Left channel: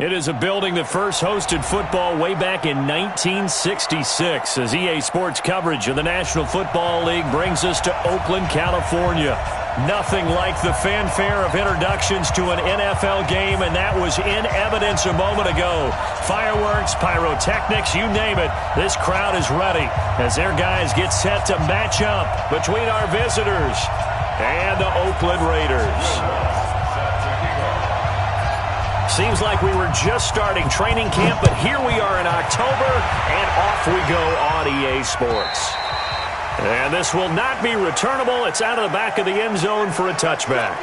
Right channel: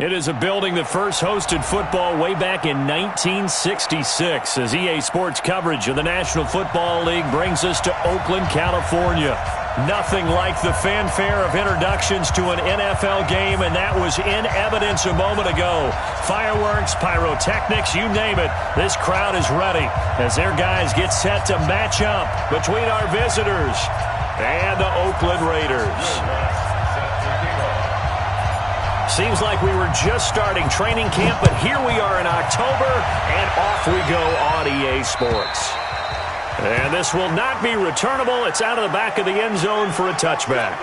It is a building that first hosted football way back in 1966 as EA Sports coverage of the National Football League brings us to Oakland, California. Nothing like the fanfare of introductions to an NFL game, and that was in evidence a moment ago. Fireworks, pyrotechnics, you name it. This crowd is ready as their guys get set to match up between our visitors and the Oakland Raiders. Seems like we were just starting training camp, but here we are in October, and off we go on EA Sports. And this will not be returnable. It's out of the back of the end zone for a touchback.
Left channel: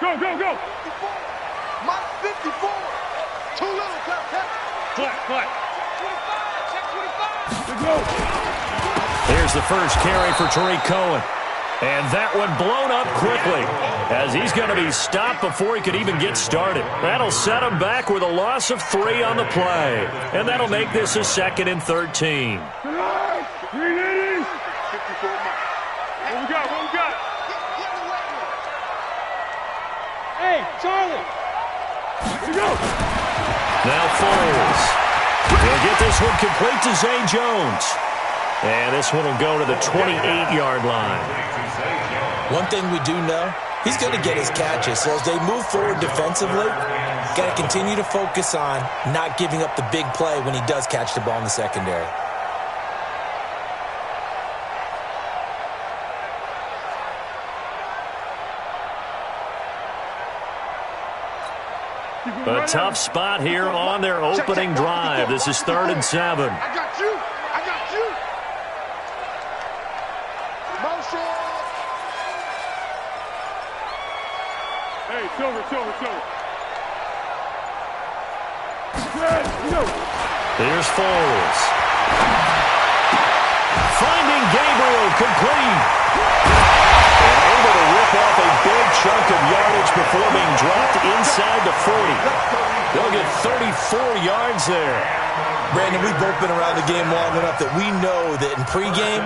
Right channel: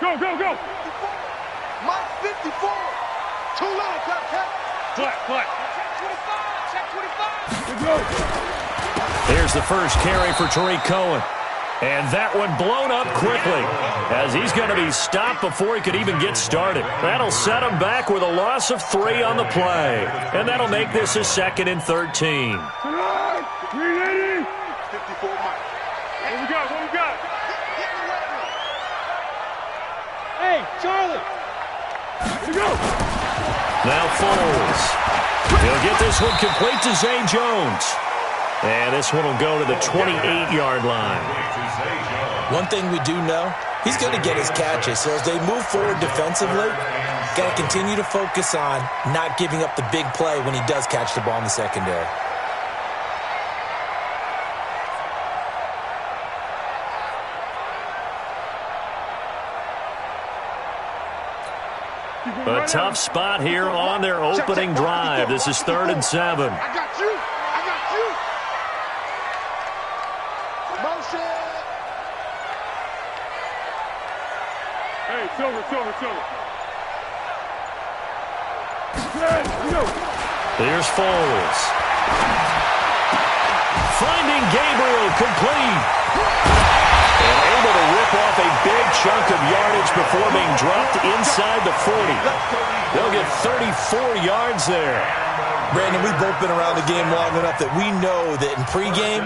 Go, go, go! 54. Mike 54. Too little, Cap. Flat. Check 25. Good go. Here's the first carry for Tariq Cohen. And that one blown up quickly as he's going to be stopped before he could even get started. That'll set him back with a loss of 3 on the play. And that'll make this a 2nd and 13. 380. 54 Mike. What we got? Hey, Charlie! Here we go! Now Foles. He'll get this one complete to Zay Jones. And this one will go to the 28-yard line. One thing we do know, he's going to get his catches. So as they move forward defensively, got to continue to focus on not giving up the big play when he does catch the ball in the secondary. A tough spot here on their opening drive. This is 3rd and 7. I got you. Motion. Hey, Silver. Here's Foles. Finding Gabriel complete. And able to rip off a big chunk of yardage before being dropped inside the 40. They'll get 34 yards there. Brandon, we've both been around the game long enough that we know that in pregame,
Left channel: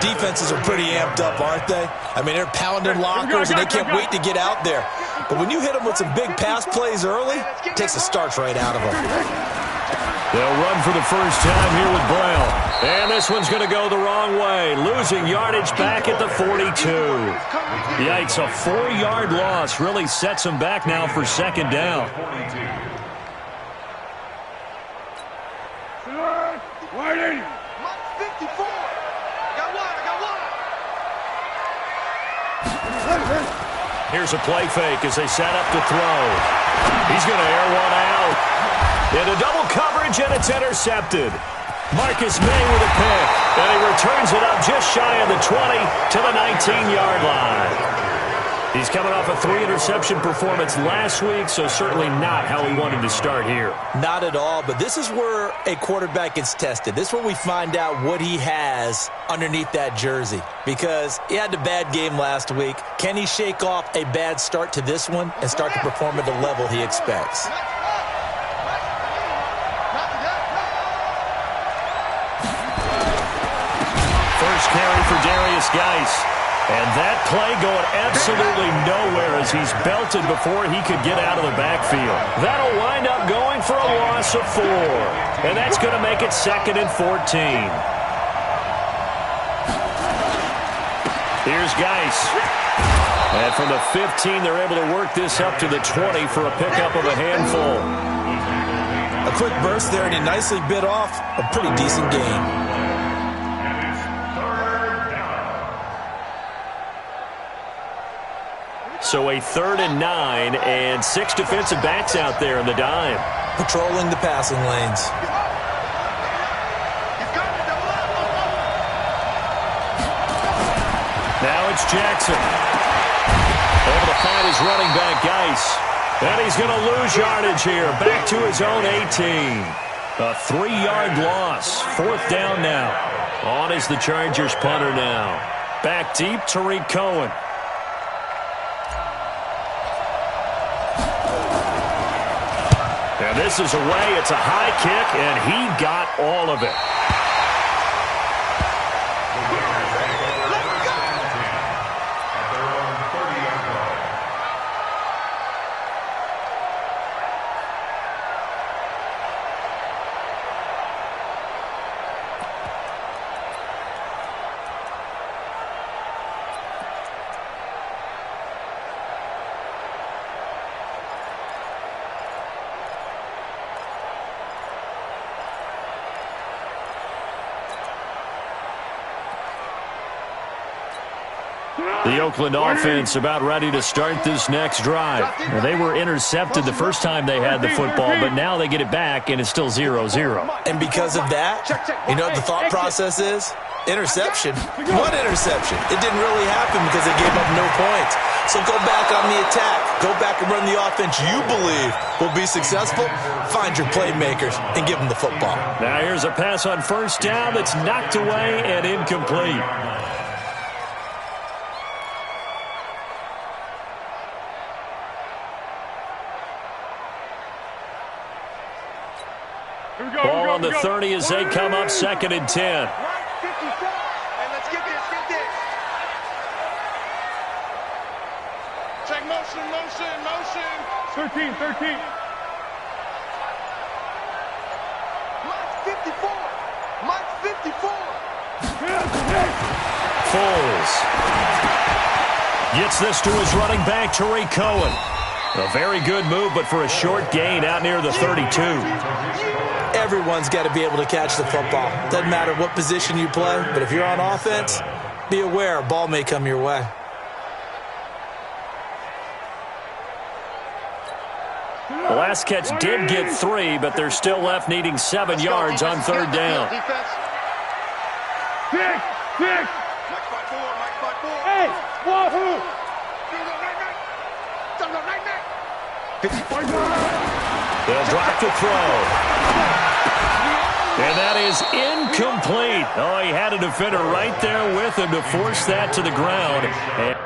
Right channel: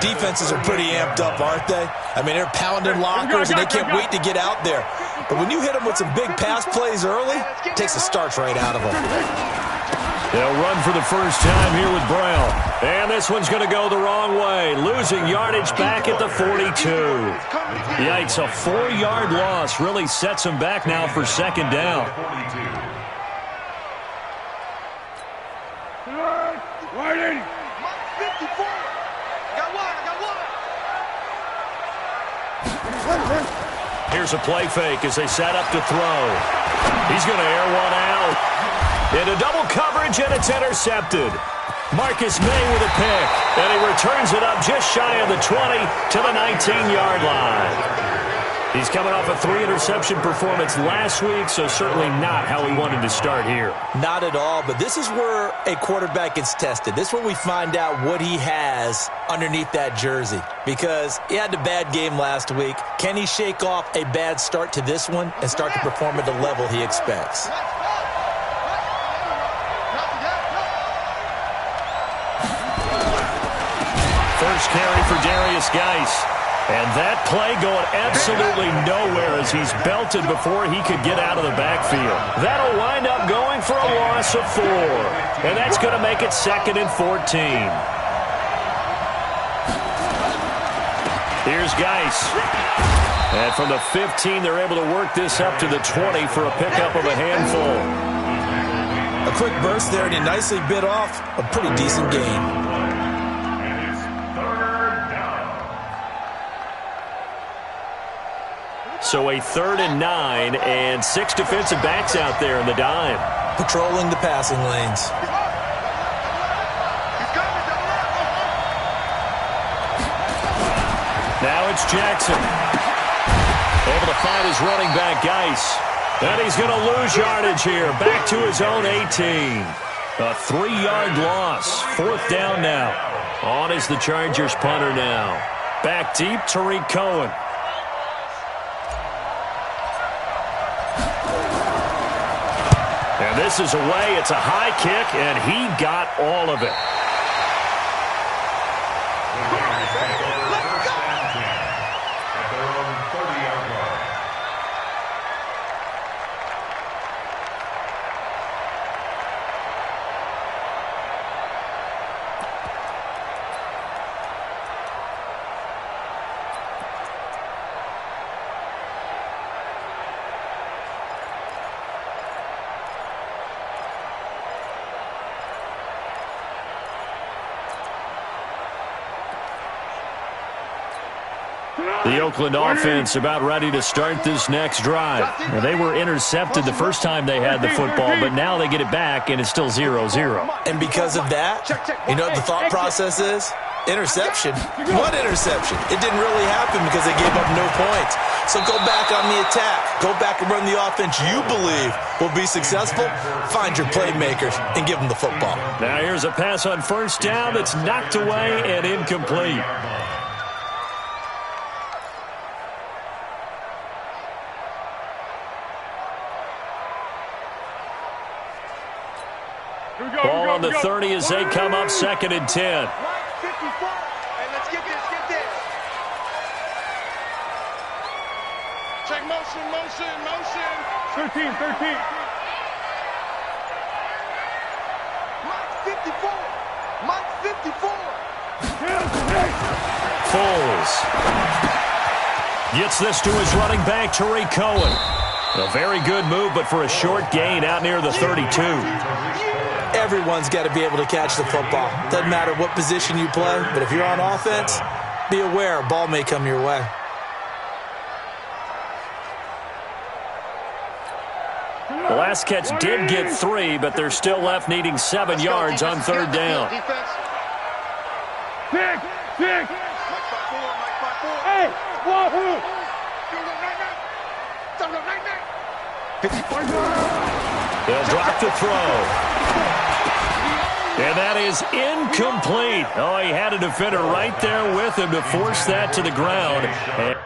defenses are pretty amped up, aren't they? I mean, they're pounding lockers, and they can't wait to get out there. But when you hit them with some big pass plays early, it takes the starch right out of them. They'll run for the first time here with Brown. And this one's going to go the wrong way. Losing yardage back at the 42. Yikes, a 4-yard loss really sets them back now for 2nd down. Wide 80. Mike 54. I got one. Here's a play fake as they set up to throw. He's going to air one out. Into double coverage, and it's intercepted. Marcus May with a pick, and he returns it up just shy of the 20 to the 19-yard line. He's coming off a 3-interception performance last week, so certainly not how he wanted to start here. Not at all, but this is where a quarterback gets tested. This is where we find out what he has underneath that jersey, because he had a bad game last week. Can he shake off a bad start to this one and start to perform at the level he expects? First carry for Darius Geis. And that play going absolutely nowhere as he's belted before he could get out of the backfield. That'll wind up going for a loss of 4. And that's going to make it 2nd and 14. Here's Geis. And from the 15, they're able to work this up to the 20 for a pickup of a handful. A quick burst there, and he nicely bit off a pretty decent gain. So a 3rd and 9, and 6 defensive backs out there in the dime. Patrolling the passing lanes. Now it's Jackson. Able to find his running back, Geis. And he's going to lose yardage here. Back to his own 18. A 3-yard loss. 4th down now. On is the Chargers punter now. Back deep, Tariq Cohen. And this is away. It's a high kick, and he got all of it. At their own 30-yard line. The Oakland offense about ready to start this next drive. Now, they were intercepted the first time they had the football, but now they get it back, and it's still 0-0. And because of that, you know what the thought process is? Interception. One interception. It didn't really happen because they gave up no points. So go back on the attack. Go back and run the offense you believe will be successful. Find your playmakers and give them the football. Now here's a pass on 1st down that's knocked away and incomplete. Ball on the 30 as they come up 2nd and 10. Right 54. Hey, let's get this, get this. Check motion, motion, motion. 13. Mike 54. Mike 54. Foles gets this to his running back, Tariq Cohen. A very good move, but for a short gain out near the 32. Everyone's got to be able to catch the football. Doesn't matter what position you play, but if you're on offense, be aware a ball may come your way. The last catch did get 3, but they're still left needing 7 yards on 3rd down. Big. Mike 5-4. Hey, wahoo. They'll drop the throw. And that is incomplete. Oh, he had a defender right there with him to force that to the ground. And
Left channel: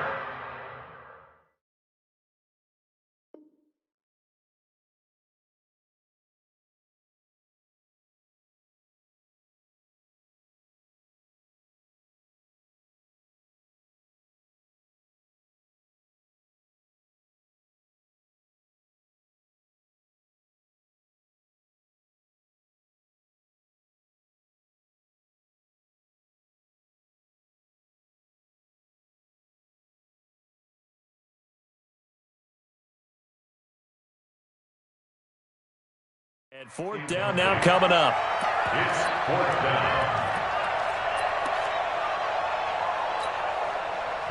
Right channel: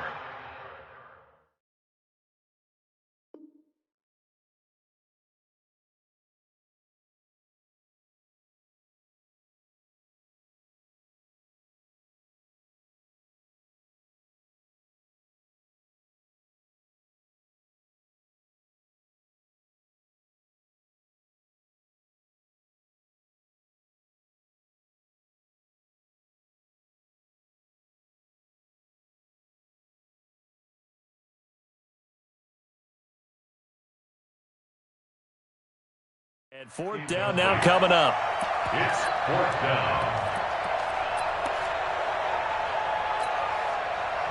And 4th down now coming up. It's 4th down.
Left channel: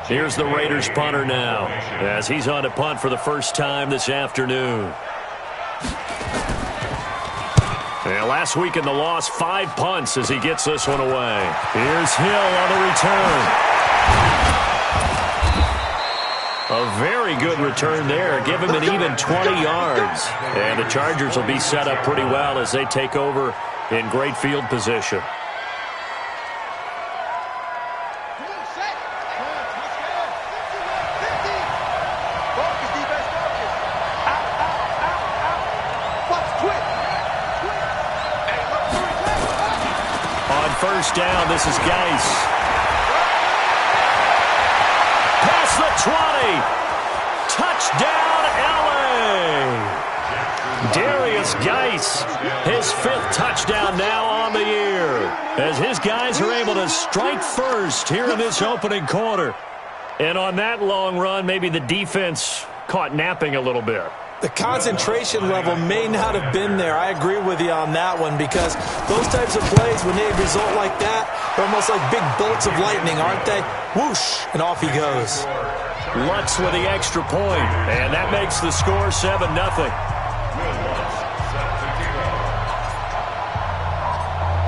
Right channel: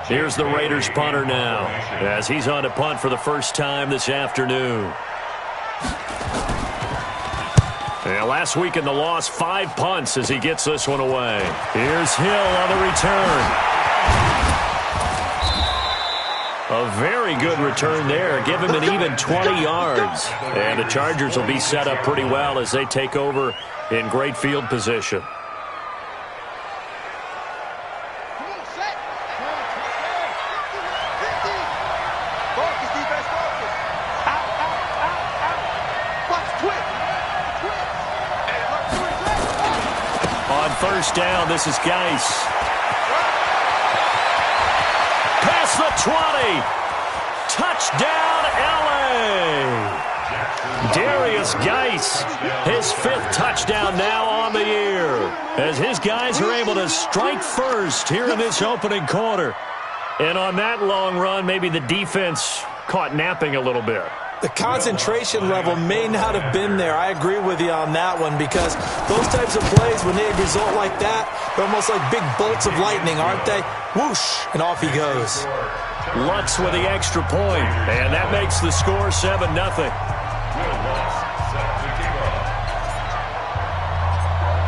Here's the Raiders punter now, as he's on to punt for the first time this afternoon. And last week in the loss, 5 punts as he gets this one away. Here's Hill on the return. A very good return there. Give him an even 20 yards. And the Chargers will be set up pretty well as they take over in great field position. On 1st down, this is Geis. Past the 20. Touchdown, L.A. Darius Geis, his 5th touchdown now on the year, as his guys are able to strike first here in this opening quarter. And on that long run, maybe the defense caught napping a little bit. The concentration level may not have been there. I agree with you on that one, because those types of plays, when they result like that, they're almost like big bolts of lightning, aren't they? Whoosh, and off he goes. Lutz with the extra point, and that makes the score 7-0.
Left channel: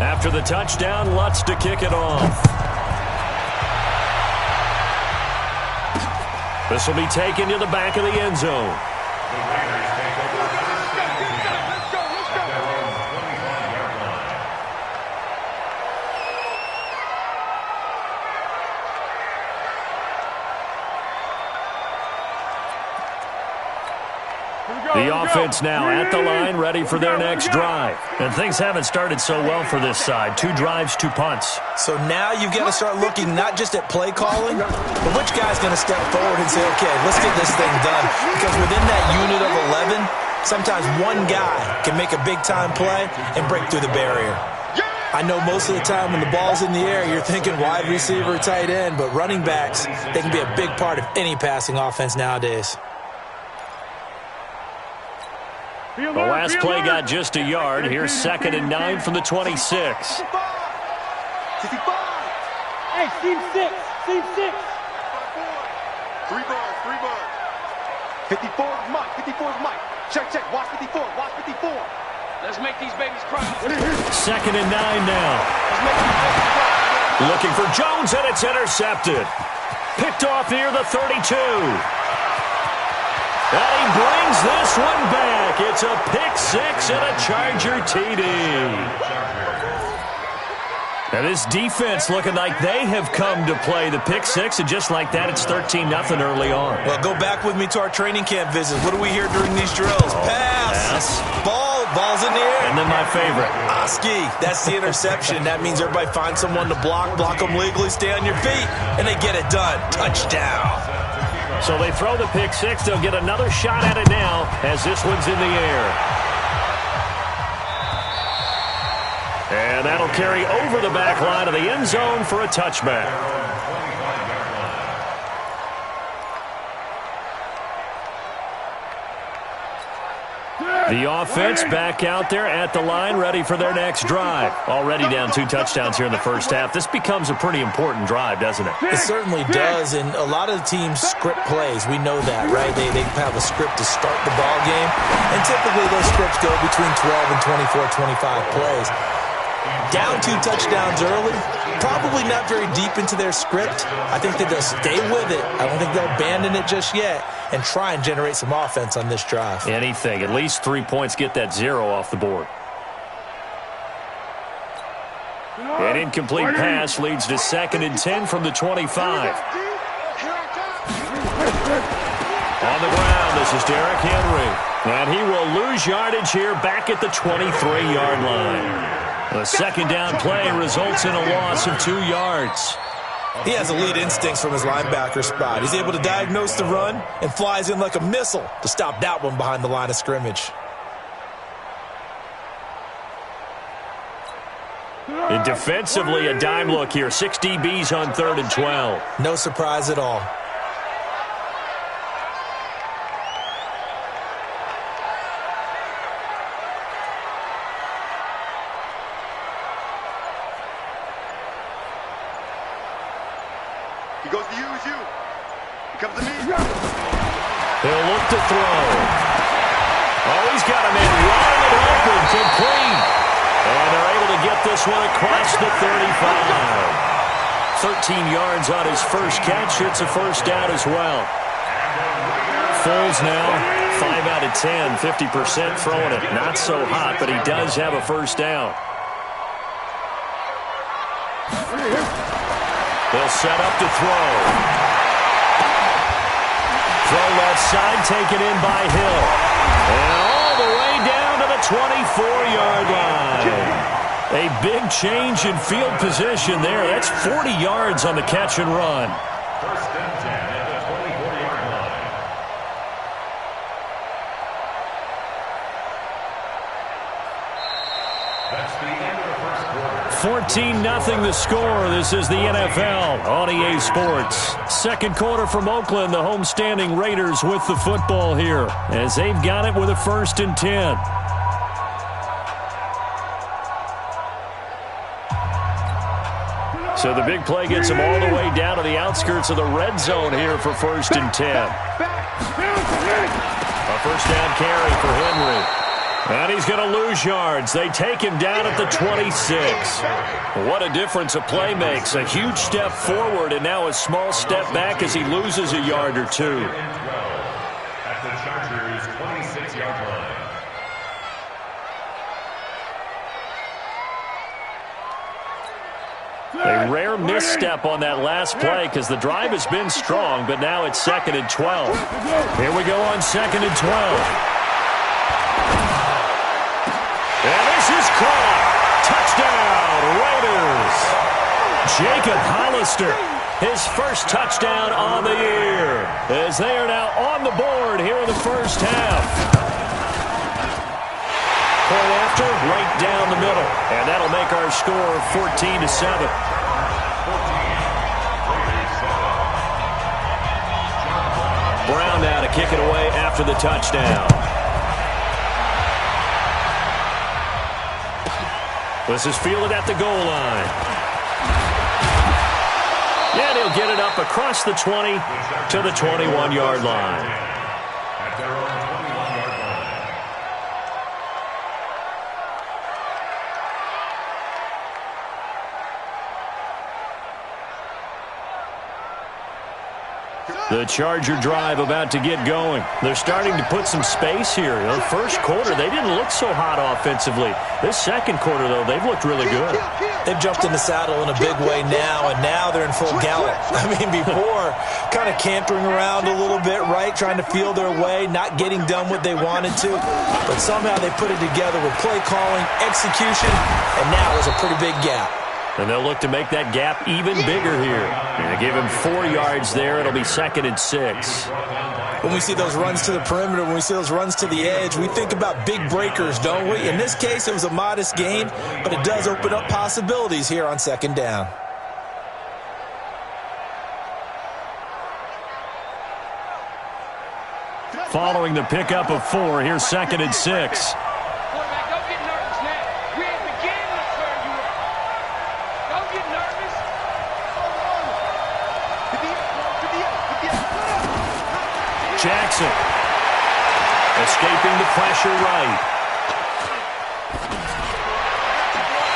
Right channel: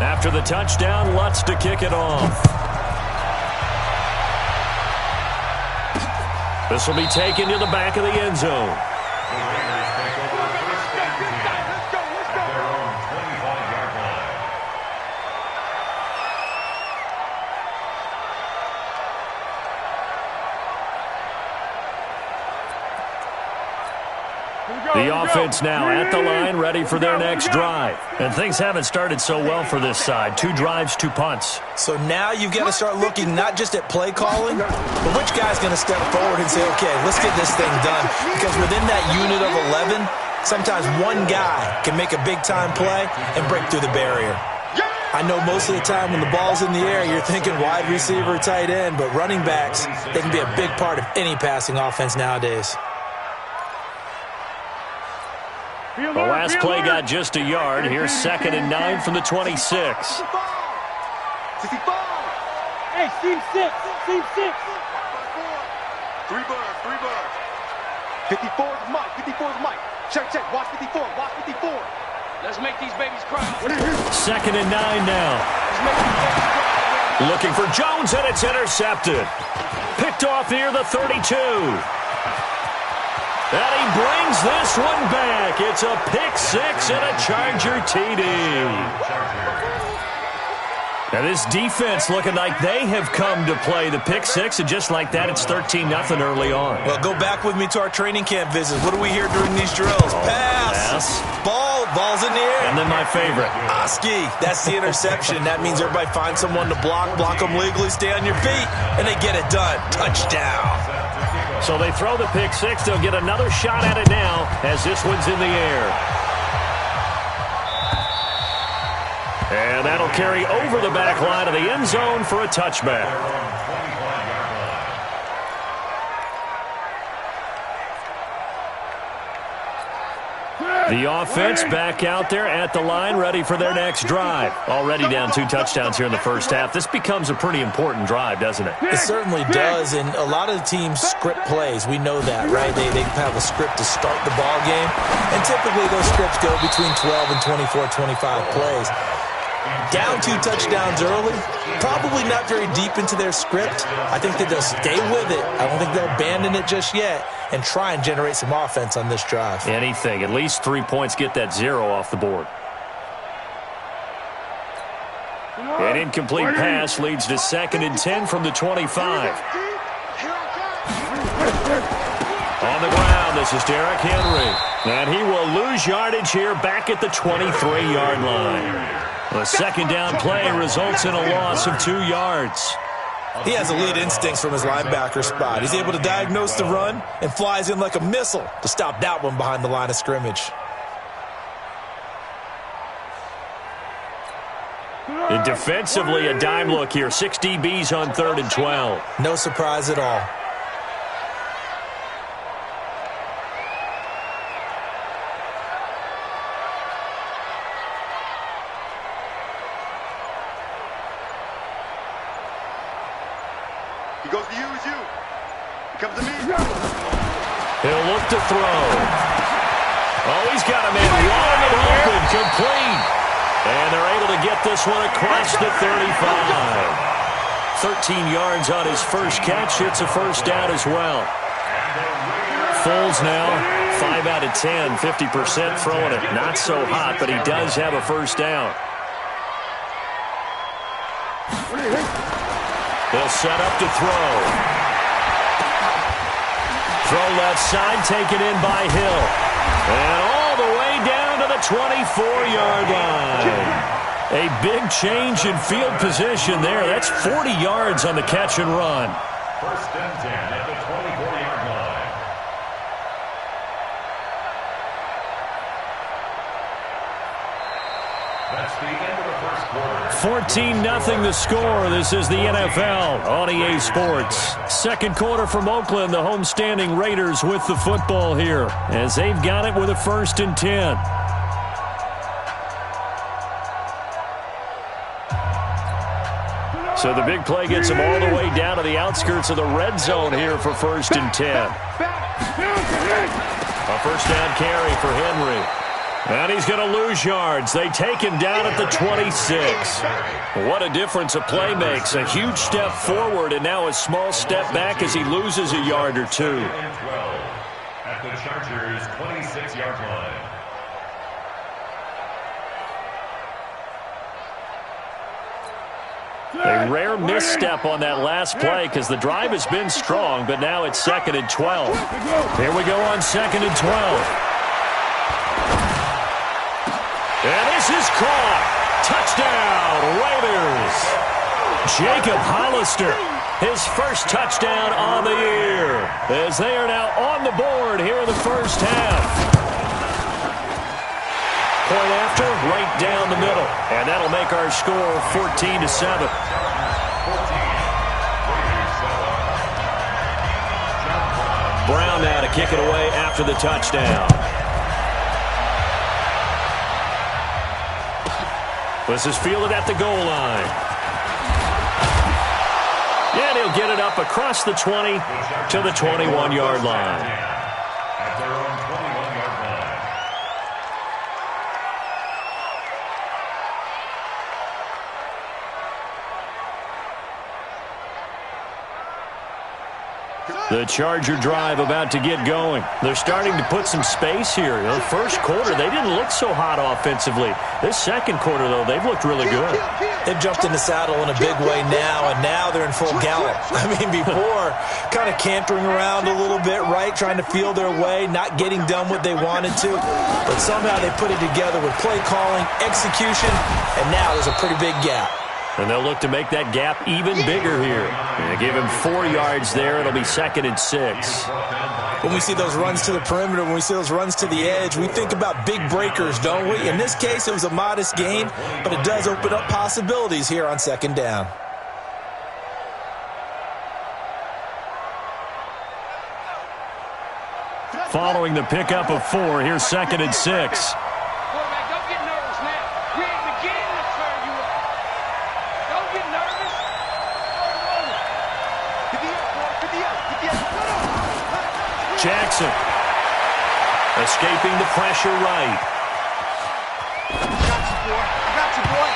After the touchdown, Lutz to kick it off. This will be taken to the back of the end zone. The Raiders take over 1st and 10 at their own 25-yard The offense now at the line, ready for their next drive. And things haven't started so well for this side. 2 drives, 2 punts. So now you've got to start looking not just at play calling, but which guy's going to step forward and say, okay, let's get this thing done. Because within that unit of 11, sometimes one guy can make a big-time play and break through the barrier. I know most of the time when the ball's in the air, you're thinking wide receiver, tight end, but running backs, they can be a big part of any passing offense nowadays. The last play got just a yard. Here's 2nd and 9 from the 26. 65. Hey, seam 6. Seam 6. 3 buds. 54 is Mike. 54 is Mike. Check. Watch 54. Watch 54. Let's make these babies cry. 2nd and 9 now. Let's make these babies cry. Looking for Jones, and it's intercepted. Picked off near the 32. And he brings this one back. It's a pick 6 and a Charger TD. Now this defense looking like they have come to play the pick 6, and just like that, it's 13-0 early on. Well, go back with me to our training camp visits. What do we hear during these drills? Pass. Ball's in the air. And then my favorite. Oski, that's the interception. That means everybody finds someone to block them legally, stay on your feet, and they get it done. Touchdown. So they throw the pick 6. They'll get another shot at it now as this one's in the air. And that'll carry over the back line of the end zone for a touchback. The offense back out there at the line, ready for their next drive. Already down 2 touchdowns here in the first half. This becomes a pretty important drive, doesn't it? It certainly does, and a lot of the teams script plays. We know that, right? They have a script to start the ball game, and typically those scripts go between 12 and 24, 25 plays. Down 2 touchdowns early, probably not very deep into their script. I think that they'll stay with it. I don't think they'll abandon it just yet and try and generate some offense on this drive. Anything. At least 3 points, get that 0 off the board. An incomplete pass leads to 2nd and 10 from the 25. On the ground, this is Derrick Henry. And he will lose yardage here back at the 23-yard line. The second down play results in a loss of 2 yards. He has elite instincts from his linebacker spot. He's able to diagnose the run and flies in like a missile to stop that one behind the line of scrimmage. And defensively, a dime look here. 6 DBs on 3rd and 12. No surprise at all. He goes to use you. He comes to me. He'll look to throw. Oh, he's got a man wide and open, complete. And they're able to get this one across the 35. 13 yards on his first catch. It's a first down as well. Foles now, 5 out of 10, 50% throwing it. Not so hot, but he does have a first down. They'll set up to throw. Throw left side, taken in by Hill. And all the way down to the 24-yard line. A big change in field position there. That's 40 yards on the catch and run. 1st and 10 at the 24-yard line. That's the end of the first quarter. 14-0 the score. This is the NFL on EA Sports. Second quarter from Oakland, the homestanding Raiders with the football here as they've got it with a 1st and 10. So the big play gets them all the way down to the outskirts of the red zone here for 1st and 10. A first down carry for Henry. And he's going to lose yards. They take him down at the 26. What a difference a play makes. A huge step forward and now a small step back as he loses a yard or 2. 12 at the Chargers' 26-yard line. A rare misstep on that last play because the drive has been strong, but now it's 2nd and 12. Here we go on 2nd and 12. Raiders. Jacob Hollister, his first touchdown on the year, as they are now on the board here in the first half. Point after, right down the middle. And that'll make our score 14-7. Brown now to kick it away after the touchdown. This is fielded at the goal line. And he'll get it up across the 20 to the 21-yard line. At their own 21-yard line. The Charger drive about to get going. They're starting to put some space here. You know, the first quarter, they didn't look so hot offensively. This second quarter, though, they've looked really good. They've jumped in the saddle in a big way now, and now they're in full gallop. I mean, before, kind of cantering around a little bit, right, trying to feel their way, not getting done what they wanted to. But somehow they put it together with play calling, execution, and now there's a pretty big gap. And they'll look to make that gap even bigger here. And give him 4 yards there. It'll be 2nd and 6. When we see those runs to the perimeter, when we see those runs to the edge, we think about big breakers, don't we? In this case, it was a modest gain, but it does open up possibilities here on 2nd down. Following the pickup of 4, here's 2nd and 6. Quarterback, don't get nervous now. We ain't beginning to turn you up. Don't get nervous. Jackson escaping the pressure right.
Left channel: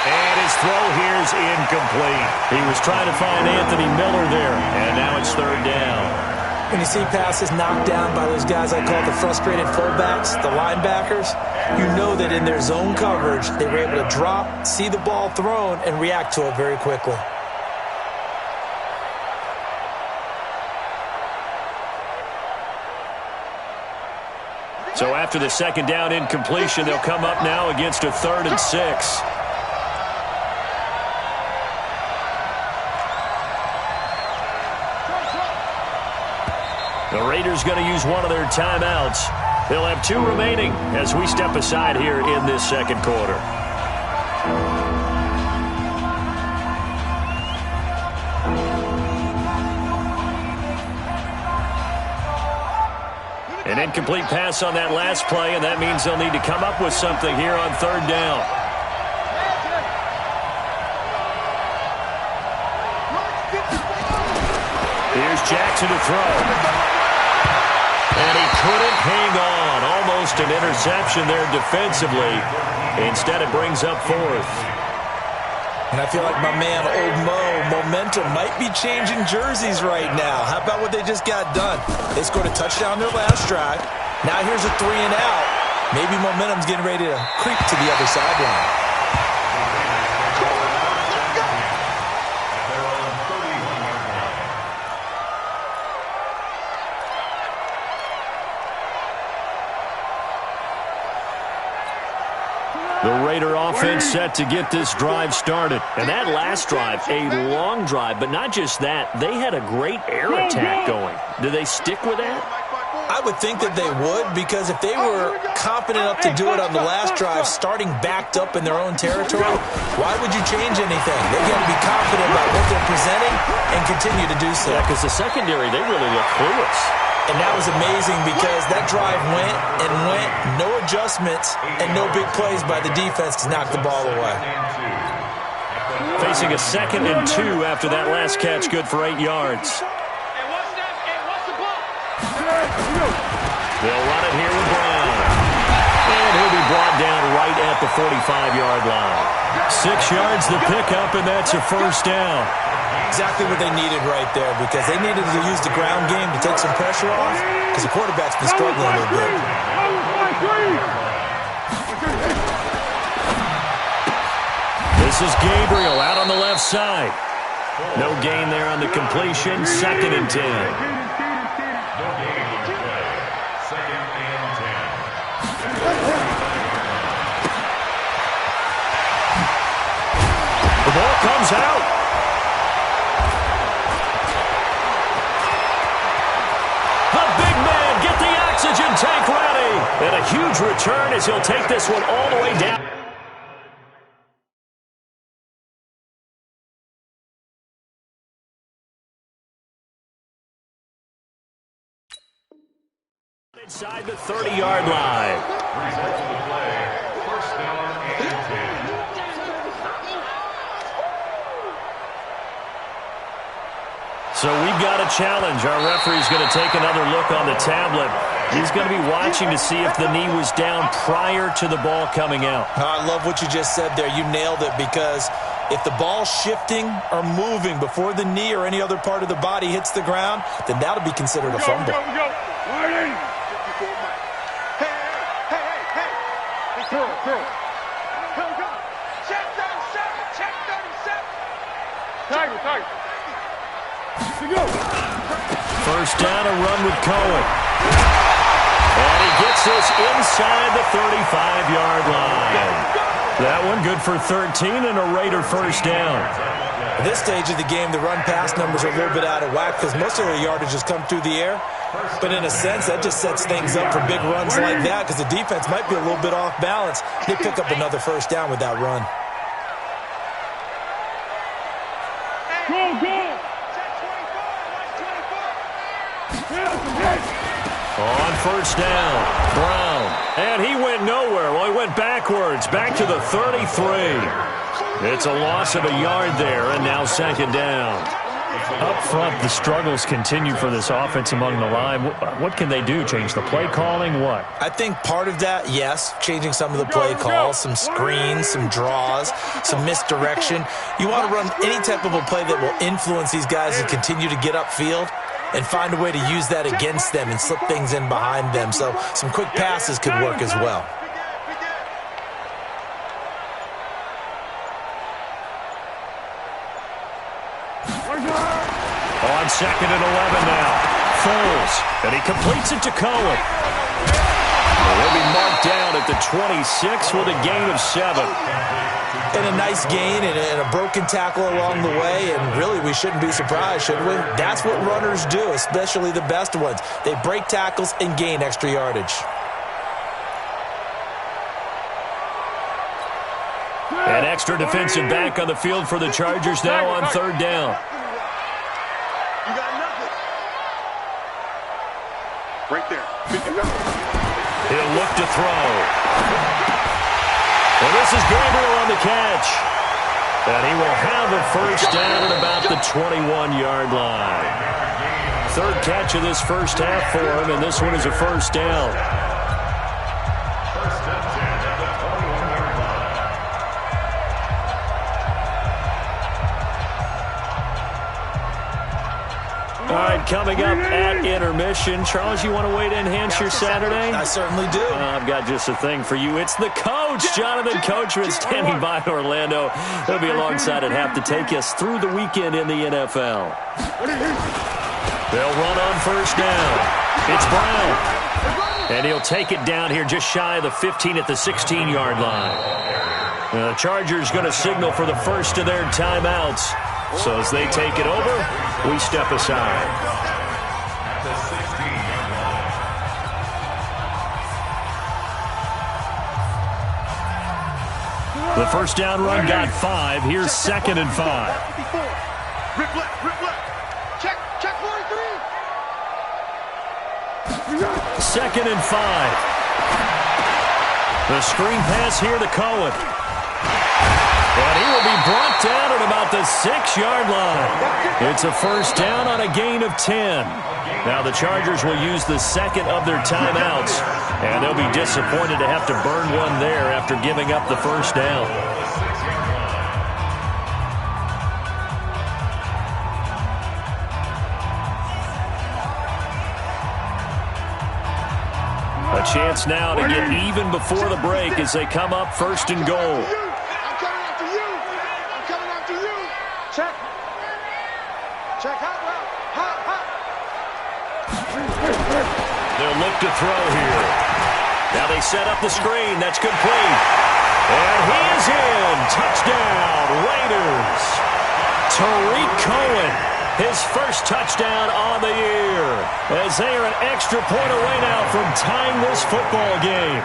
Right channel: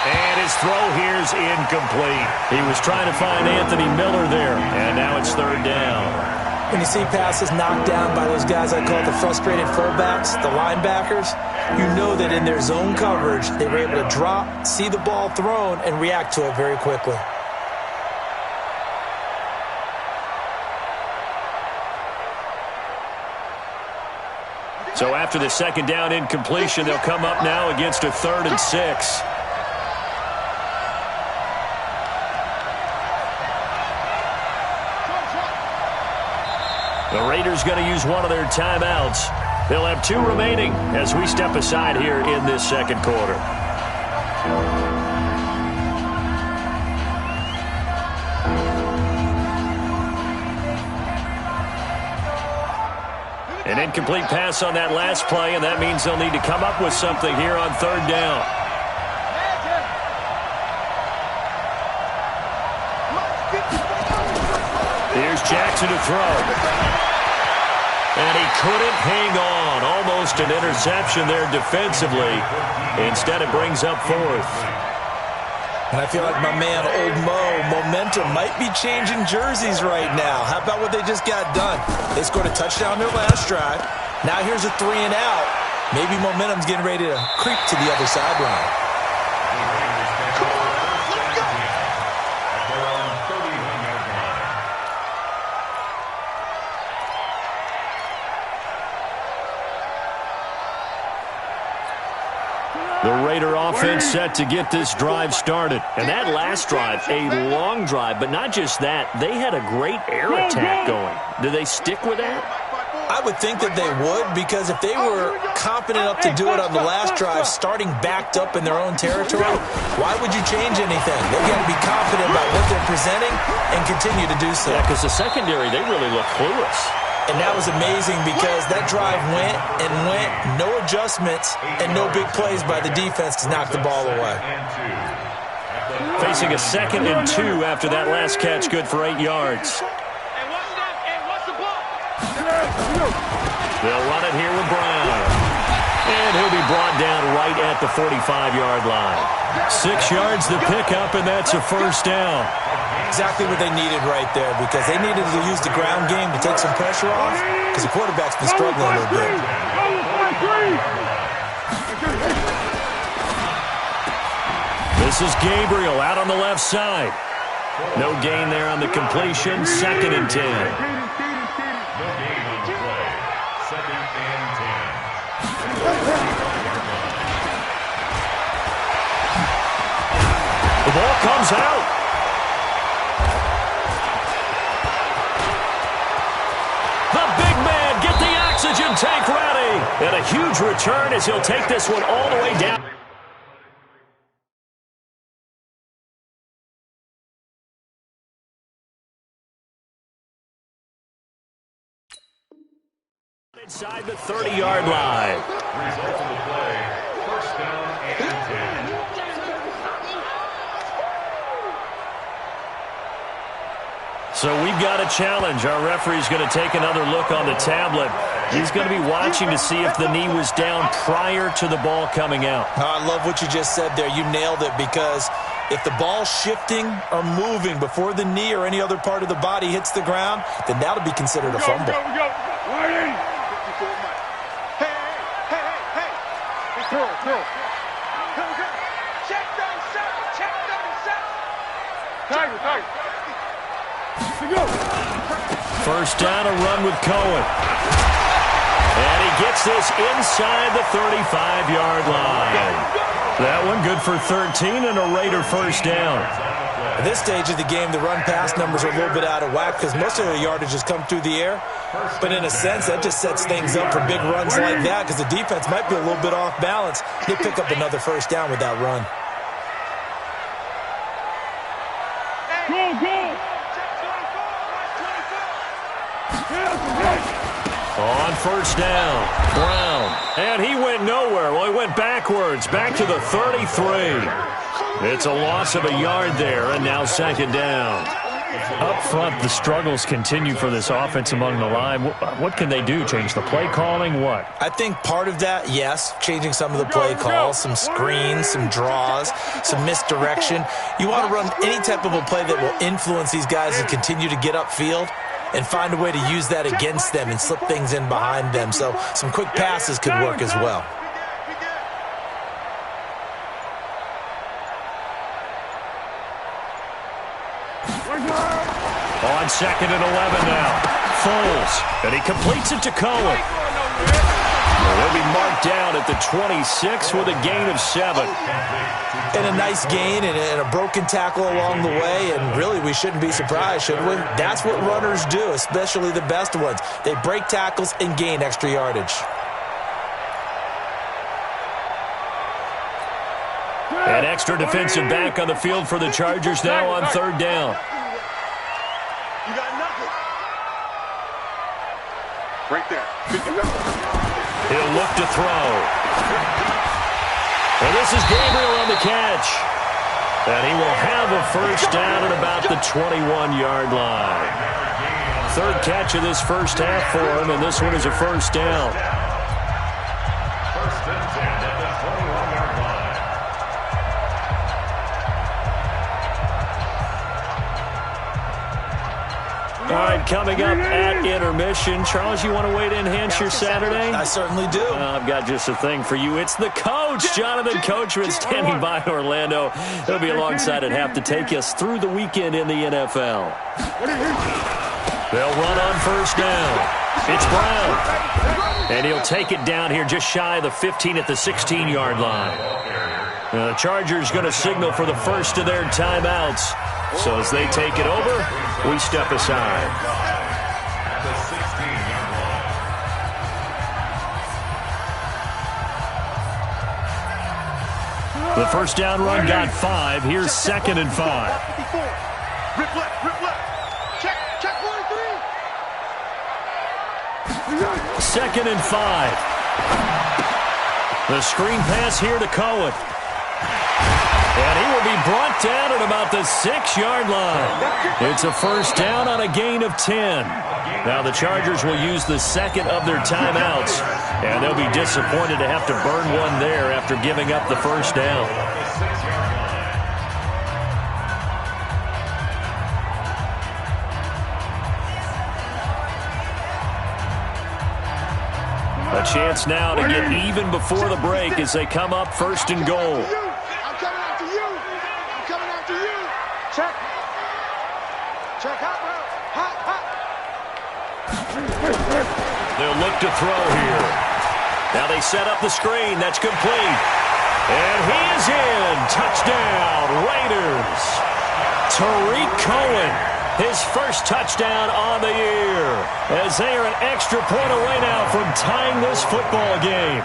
And his throw here's incomplete. He was trying to find Anthony Miller there, and now it's 3rd down. When you see passes knocked down by those guys I call the frustrated fullbacks, the linebackers, you know that in their zone coverage, they were able to drop, see the ball thrown, and react to it very quickly. So after the 2nd down incompletion, they'll come up now against a 3rd and 6. The Raiders going to use one of their timeouts. They'll have 2 remaining as we step aside here in this 2nd quarter. An incomplete pass on that last play, and that means they'll need to come up with something here on 3rd down. Here's Jackson to throw. And he couldn't hang on. Almost an interception there defensively. Instead, it brings up 4th. And I feel like my man, Old Mo, momentum might be changing jerseys right now. How about what they just got done? They scored a touchdown their last drive. Now here's a 3 and out. Maybe momentum's getting ready to creep to the other sideline. The Raider offense set to get this drive started. And that last drive, a long drive, but not just that. They had a great air attack going. Do they stick with that? I would think that they would, because if they were confident enough to do it on the last drive, starting backed up in their own territory, why would you change anything? They've got to be confident about what they're presenting and continue to do so. Yeah, because the secondary, they really look clueless. And that was amazing because that drive went and went, no adjustments, and no big plays by the defense to knock the ball away. Facing a 2nd and 2 after that last catch, good for 8 yards. And watch that. And watch the ball. They'll run it here with Brown. And he'll be brought down right at the 45-yard line. 6 yards the pickup, and that's a 1st down. Exactly what they needed right there, because they needed to use the ground game to take some pressure off, because the quarterback's been struggling a little bit. This is Gabriel out on the left side. No gain there on the completion. 2nd and 10. No gain on the play. 2nd and 10. ball comes out. The big man, get the oxygen tank ready. And a huge return as he'll take this one all the way down. Inside the 30-yard line. Result of the play, first down and 10. So we've got a challenge. Our referee's going to take another look on the tablet. He's going to be watching to see if the knee was down prior to the ball coming out. I love what you just said there. You nailed it, because if the ball's shifting or moving before the knee or any other part of the body hits the ground, then that'll be considered a fumble. We go. 54 Mike. Hey. Curl. Come. Check 37. Tiger. First down, a run with Cohen. And he gets this inside the 35-yard line. That one good for 13 and a Raider first down. At this stage of the game, the run-pass numbers are a little bit out of whack because most of their yardage has come through the air. But in a sense, that just sets things up for big runs like that because the defense might be a little bit off balance. They pick up another first down with that run. Go. On first down, Brown. And he went nowhere. Well, he went backwards, back to the 33. It's a loss of a yard there, and now second down. Up front, the struggles continue for this offense among the line. What can they do? Change the play calling? What? I think part of that, yes, changing some of the play calls, some screens, some draws, some misdirection. You want to run any type of a play that will influence these guys to continue to get upfield and find a way to use that against them and slip things in behind them. So some quick passes could work as well. On second and 11 now. Foles. And he completes it to Cohen. He'll be marked down at the 26 with a gain of 7. And a nice gain and a broken tackle along the way, and really we shouldn't be surprised, should we? That's what runners do, especially the best ones. They break tackles and gain extra yardage. An extra defensive back on the field for the Chargers now on third down. You got nothing. Right there. He'll look to throw. And this is Gabriel on the catch. And he will have a first down at about the 21-yard line. Third catch of this first half for him, and this one is a first down. First and 10 at the 21-yard line. All right, coming up at intermission. Charles, you want to wait to enhance your Saturday? I certainly do. I've got just a thing for you. It's the coach, Jonathan Coachman, standing by in Orlando. He'll be alongside at half to take us through the weekend in the NFL. They'll run on first down. It's Brown. And he'll take it down here just shy of the 15 at the 16-yard line. The Chargers going to signal for the first of their timeouts. So as they take it over, we step aside. At the 16-yard line. The first down run got 5. Here's second and 5. 54. Rip left. Check 43. Second and 5. The screen pass here to Cohen. And he will be brought down at about the 6-yard line. It's a first down on a gain of 10. Now the Chargers will use the second of their timeouts, and they'll be disappointed to have to burn one there after giving up the first down. The 6-yard line. A chance now to get even before the break as they come up first and goal. Check hot route. Hot. They'll look to throw here. Now they set up the screen. That's complete. And he is in. Touchdown, Raiders. Tariq Cohen, his first touchdown on the year, as they are an extra point away now from tying this football game.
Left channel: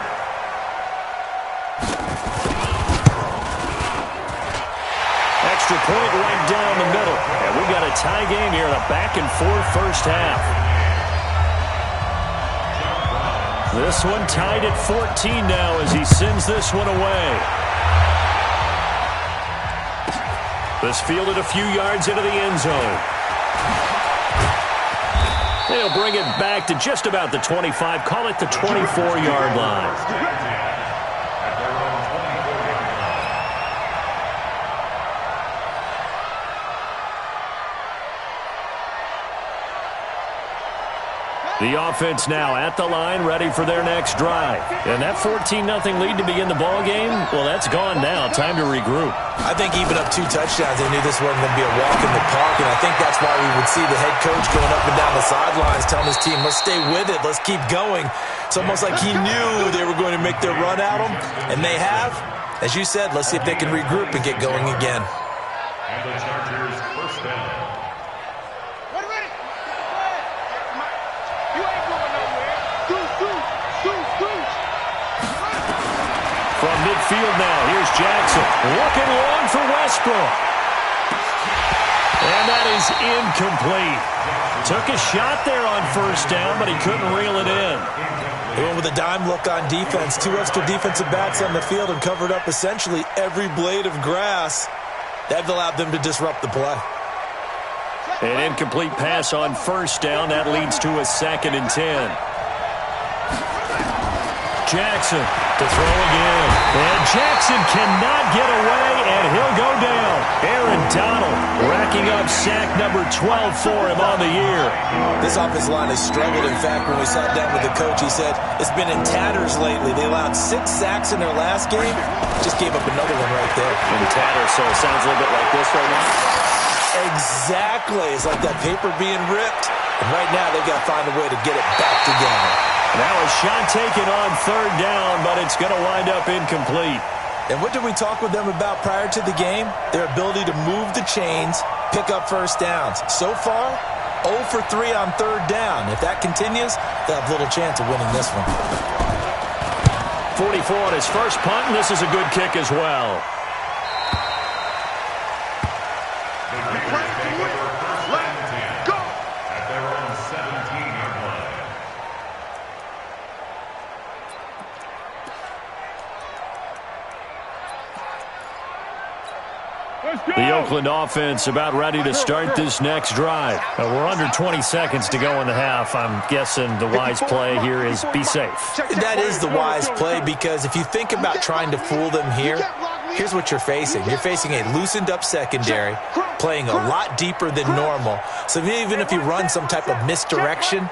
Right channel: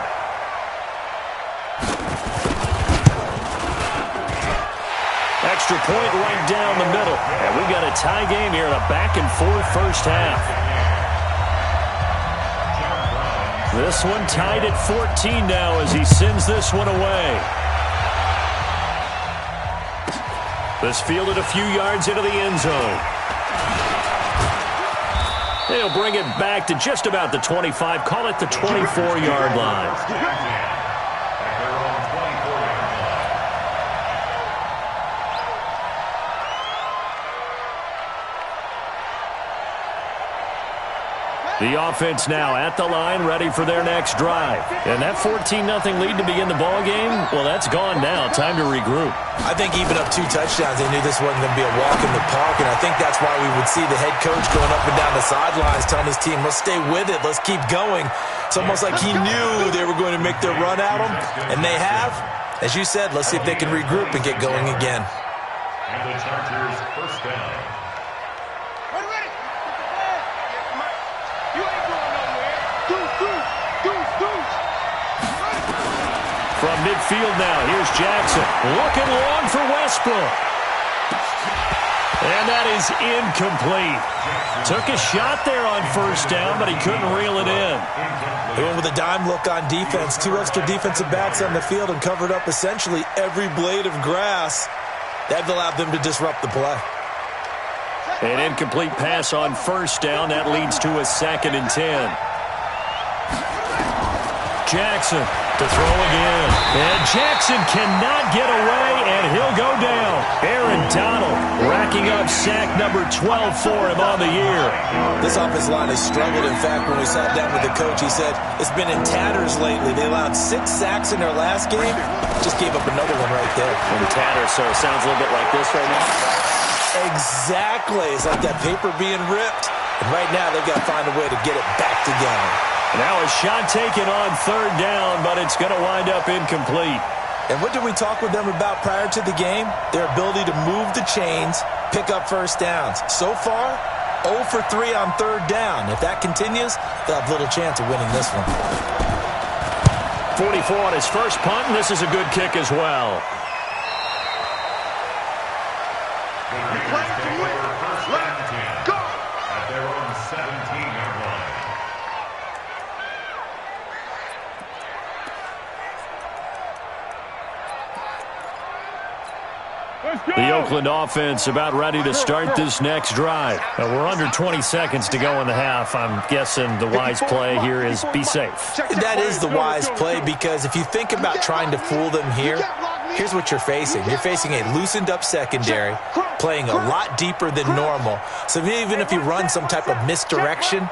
Extra point right down the middle. And we've got a tie game here in a back-and-forth first half. This one tied at 14 now as he sends this one away. This fielded a few yards into the end zone. They'll bring it back to just about the 25. Call it the 24-yard line. At their own 24-yard line. The offense now at the line, ready for their next drive. And that 14-0 lead to begin the ball game, well, that's gone now. Time to regroup. I think even up 2 touchdowns, they knew this wasn't going to be a walk in the park, and I think that's why we would see the head coach going up and down the sidelines telling his team, let's stay with it, let's keep going. It's almost like he knew they were going to make their run at him, and they have. As you said, let's see if they can regroup and get going again. And the Chargers first down. Ready. You ain't going nowhere. Deuce. From midfield now, here's Jackson. Looking long for Westbrook. And that is incomplete. Took a shot there on first down, but he couldn't reel it in. He went with a dime look on defense. 2 extra defensive backs on the field and covered up essentially every blade of grass. That allowed them to disrupt the play. An incomplete pass on first down. That leads to a 2nd and 10. Jackson to throw again. And Jackson cannot get away, and he'll go down. Aaron Donald racking up sack number 12 for him on the year. This offensive line has struggled. In fact, when we sat down with the coach, he said it's been in tatters lately. They allowed 6 sacks in their last game. Just gave up another one right there. In tatters, so it sounds a little bit like this right now. Exactly. It's like that paper being ripped. And right now, they've got to find a way to get it back together. Now a shot taken on 3rd down, but it's going to wind up incomplete. And what did we talk with them about prior to the game? Their ability to move the chains, pick up first downs. So far, 0 for 3 on 3rd down. If that continues, they'll have little chance of winning this one. 44 on his first punt, and this is a good kick as well. The Raiders take over first and 10 Go! at their own 17-yard line. The Oakland offense about ready to start this next drive. We're under 20 seconds to go in the half. I'm guessing the wise play here is be safe. That is the wise play, because if you think about trying to fool them here, here's what you're facing. You're facing a loosened up secondary, playing a lot deeper than normal. So even if you run some type of misdirection,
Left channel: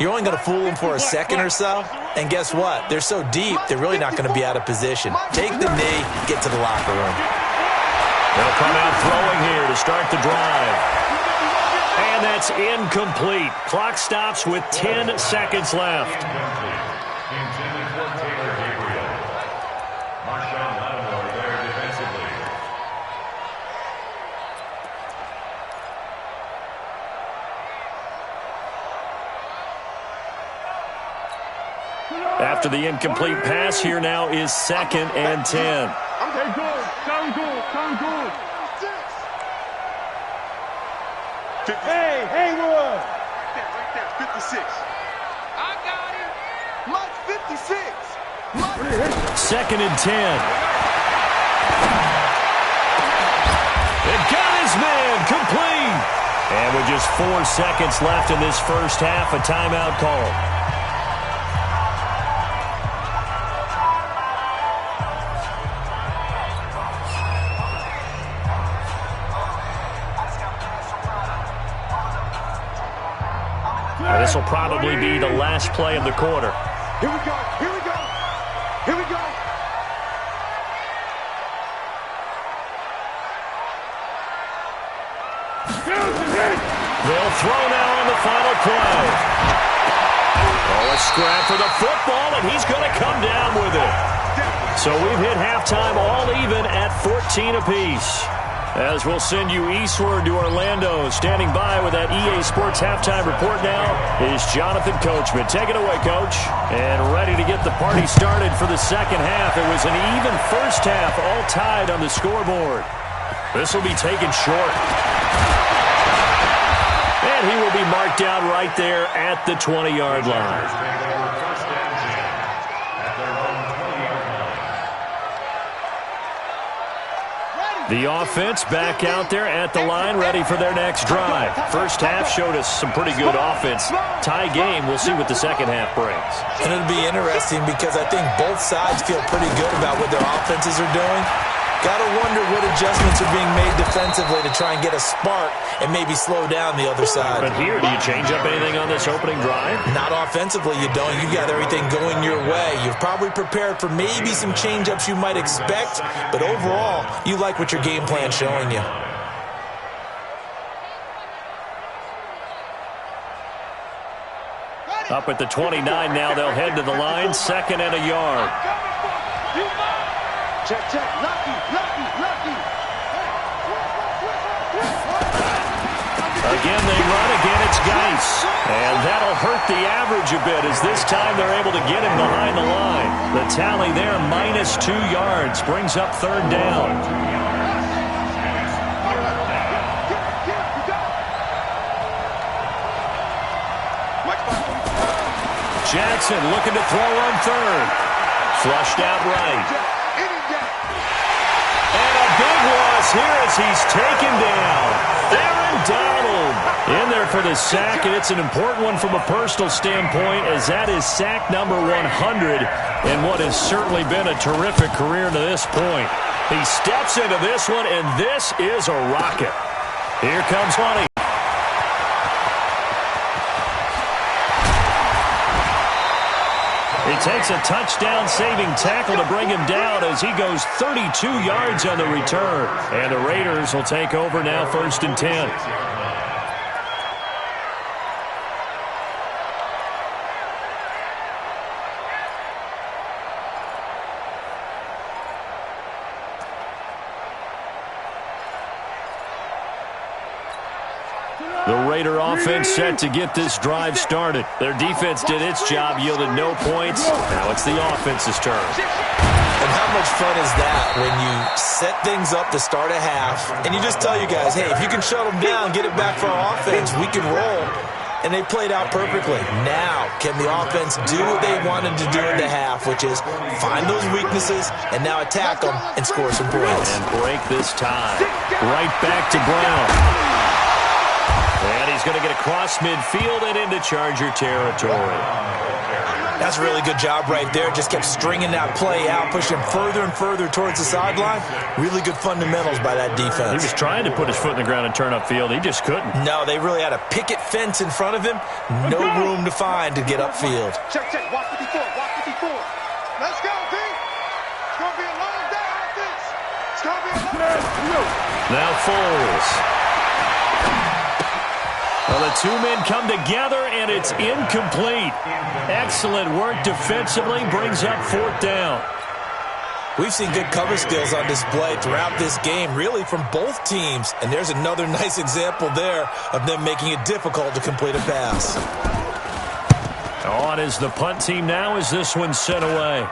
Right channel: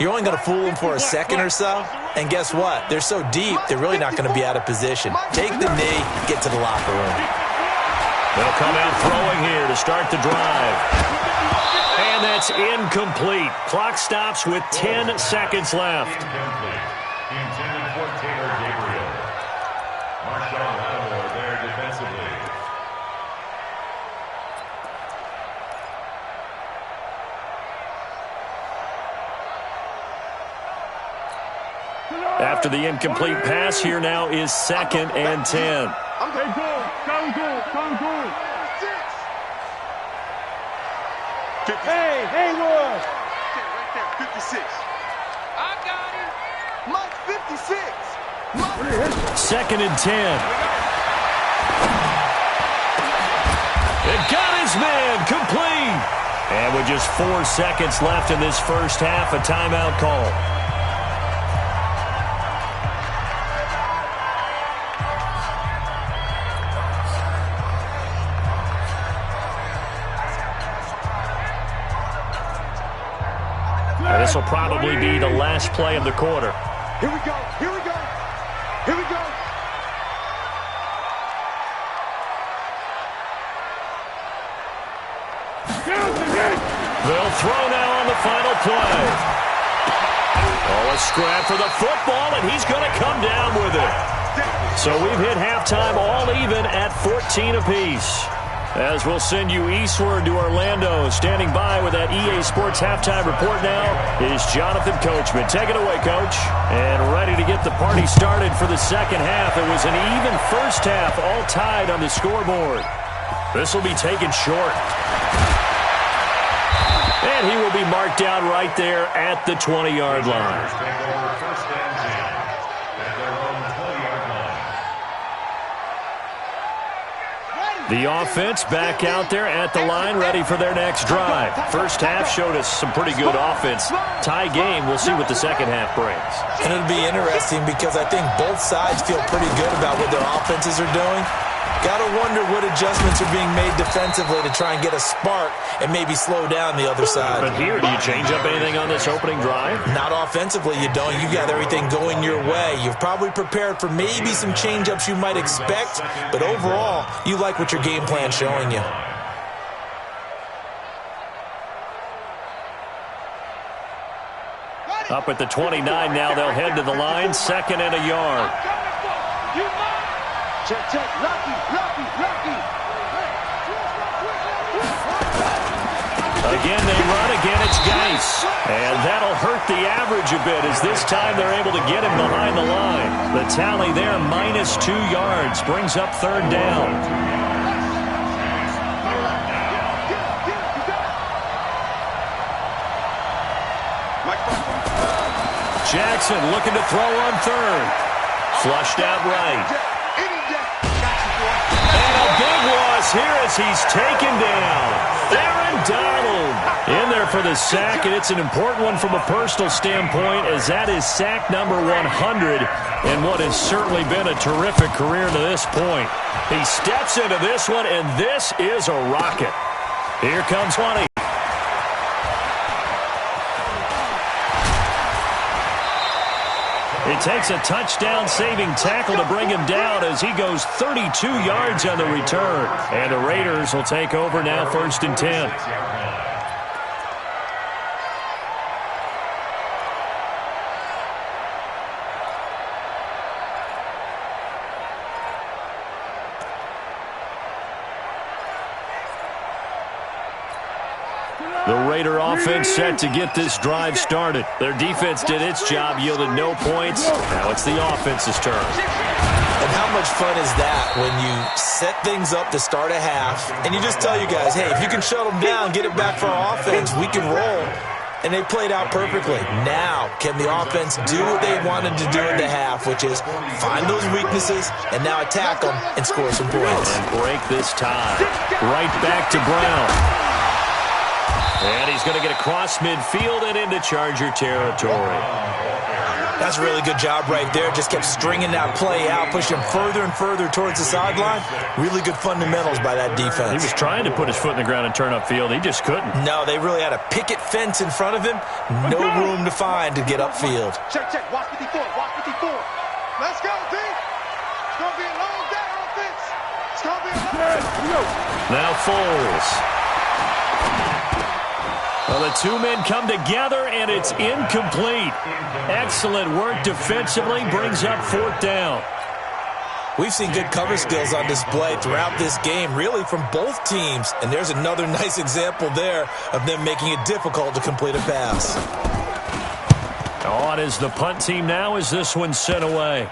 you're only going to fool them for a second or so. And guess what? They're so deep, they're really not going to be out of position. Take the knee, get to the locker room. They'll come out throwing here to start the drive. And that's incomplete. Clock stops with 10 seconds left. Incomplete. Intended for Taylor Gabriel. Marshawn Lattimore there defensively. After the incomplete pass, here now is 2nd and 10. Sound good. Hey, Haywood. Right there, 56. I got him. Mike, 56. 2nd and 10. It got his man complete. And with just 4 seconds left in this first half, a timeout call. This will probably be the last play of the quarter. Here we go. They'll throw now on the final play. Oh, a scrap for the football, and he's going to come down with it. So we've hit halftime all even at 14 apiece. As we'll send you eastward to Orlando. Standing by with that EA Sports halftime report now is Jonathan Coachman. Take it away, Coach. And ready to get the party started for the second half. It was an even first half, all tied on the scoreboard. This will be taken short. And he will be marked down right there at the 20-yard line. The offense back out there at the line, ready for their next drive. First half showed us some pretty good offense. Tie game, we'll see what the second half brings. And it'll be interesting because I think both sides feel pretty good about what their offenses are doing. Got to wonder what adjustments are being made defensively to try and get a spark and maybe slow down the other side. But here, do you change up anything on this opening drive? Not offensively, you don't. You've got everything going your way. You've probably prepared for maybe some change-ups you might expect, but overall, you like what your game plan's showing you. Up at the 29 now, they'll head to the line, 2nd and a yard. Check, lucky. Again, they run. Again, it's Geis. And that'll hurt the average a bit as this time they're able to get him behind the line. The tally there, -2 yards, brings up 3rd down. Jackson looking to throw on 3rd. Flushed out right. Big loss here as he's taken down. Aaron Donald in there for the sack, and it's an important one from a personal standpoint as that is sack number 100 in what has certainly been a terrific career to this point. He steps into this one, and this is a rocket. Here comes 20. It takes a touchdown-saving tackle to bring him down as he goes 32 yards on the return. And the Raiders will take over now, 1st and 10. The Raider offense set to get this drive started. Their defense did its job, yielded no points. Now it's the offense's turn. And how much fun is that when you set things up to start a half and you just tell you guys, hey, if you can shut them down, get it back for our offense, we can roll. And they played out perfectly. Now, can the offense do what they wanted to do in the half, which is find those weaknesses and now attack them and score some points. And break this tie. Right back to Brown. And he's going to get across midfield and into Charger territory. That's a really good job right there. Just kept stringing that play out, pushing him further and further towards the sideline. Really good fundamentals by that defense. He was trying to put his foot in the ground and turn upfield. He just couldn't. No, they really had a picket fence in front of him. No room to find to get upfield. Check. Watch 54. Let's go, D. It's going to be a long day, offense. It's going to be a long day. Now Foles. Well, the two men come together, and it's incomplete. Excellent work defensively, brings up 4th down. We've seen good cover skills on display throughout this game, really from both teams. And there's another nice example there of them making it difficult to complete a pass. On is the punt team now as this one's sent away.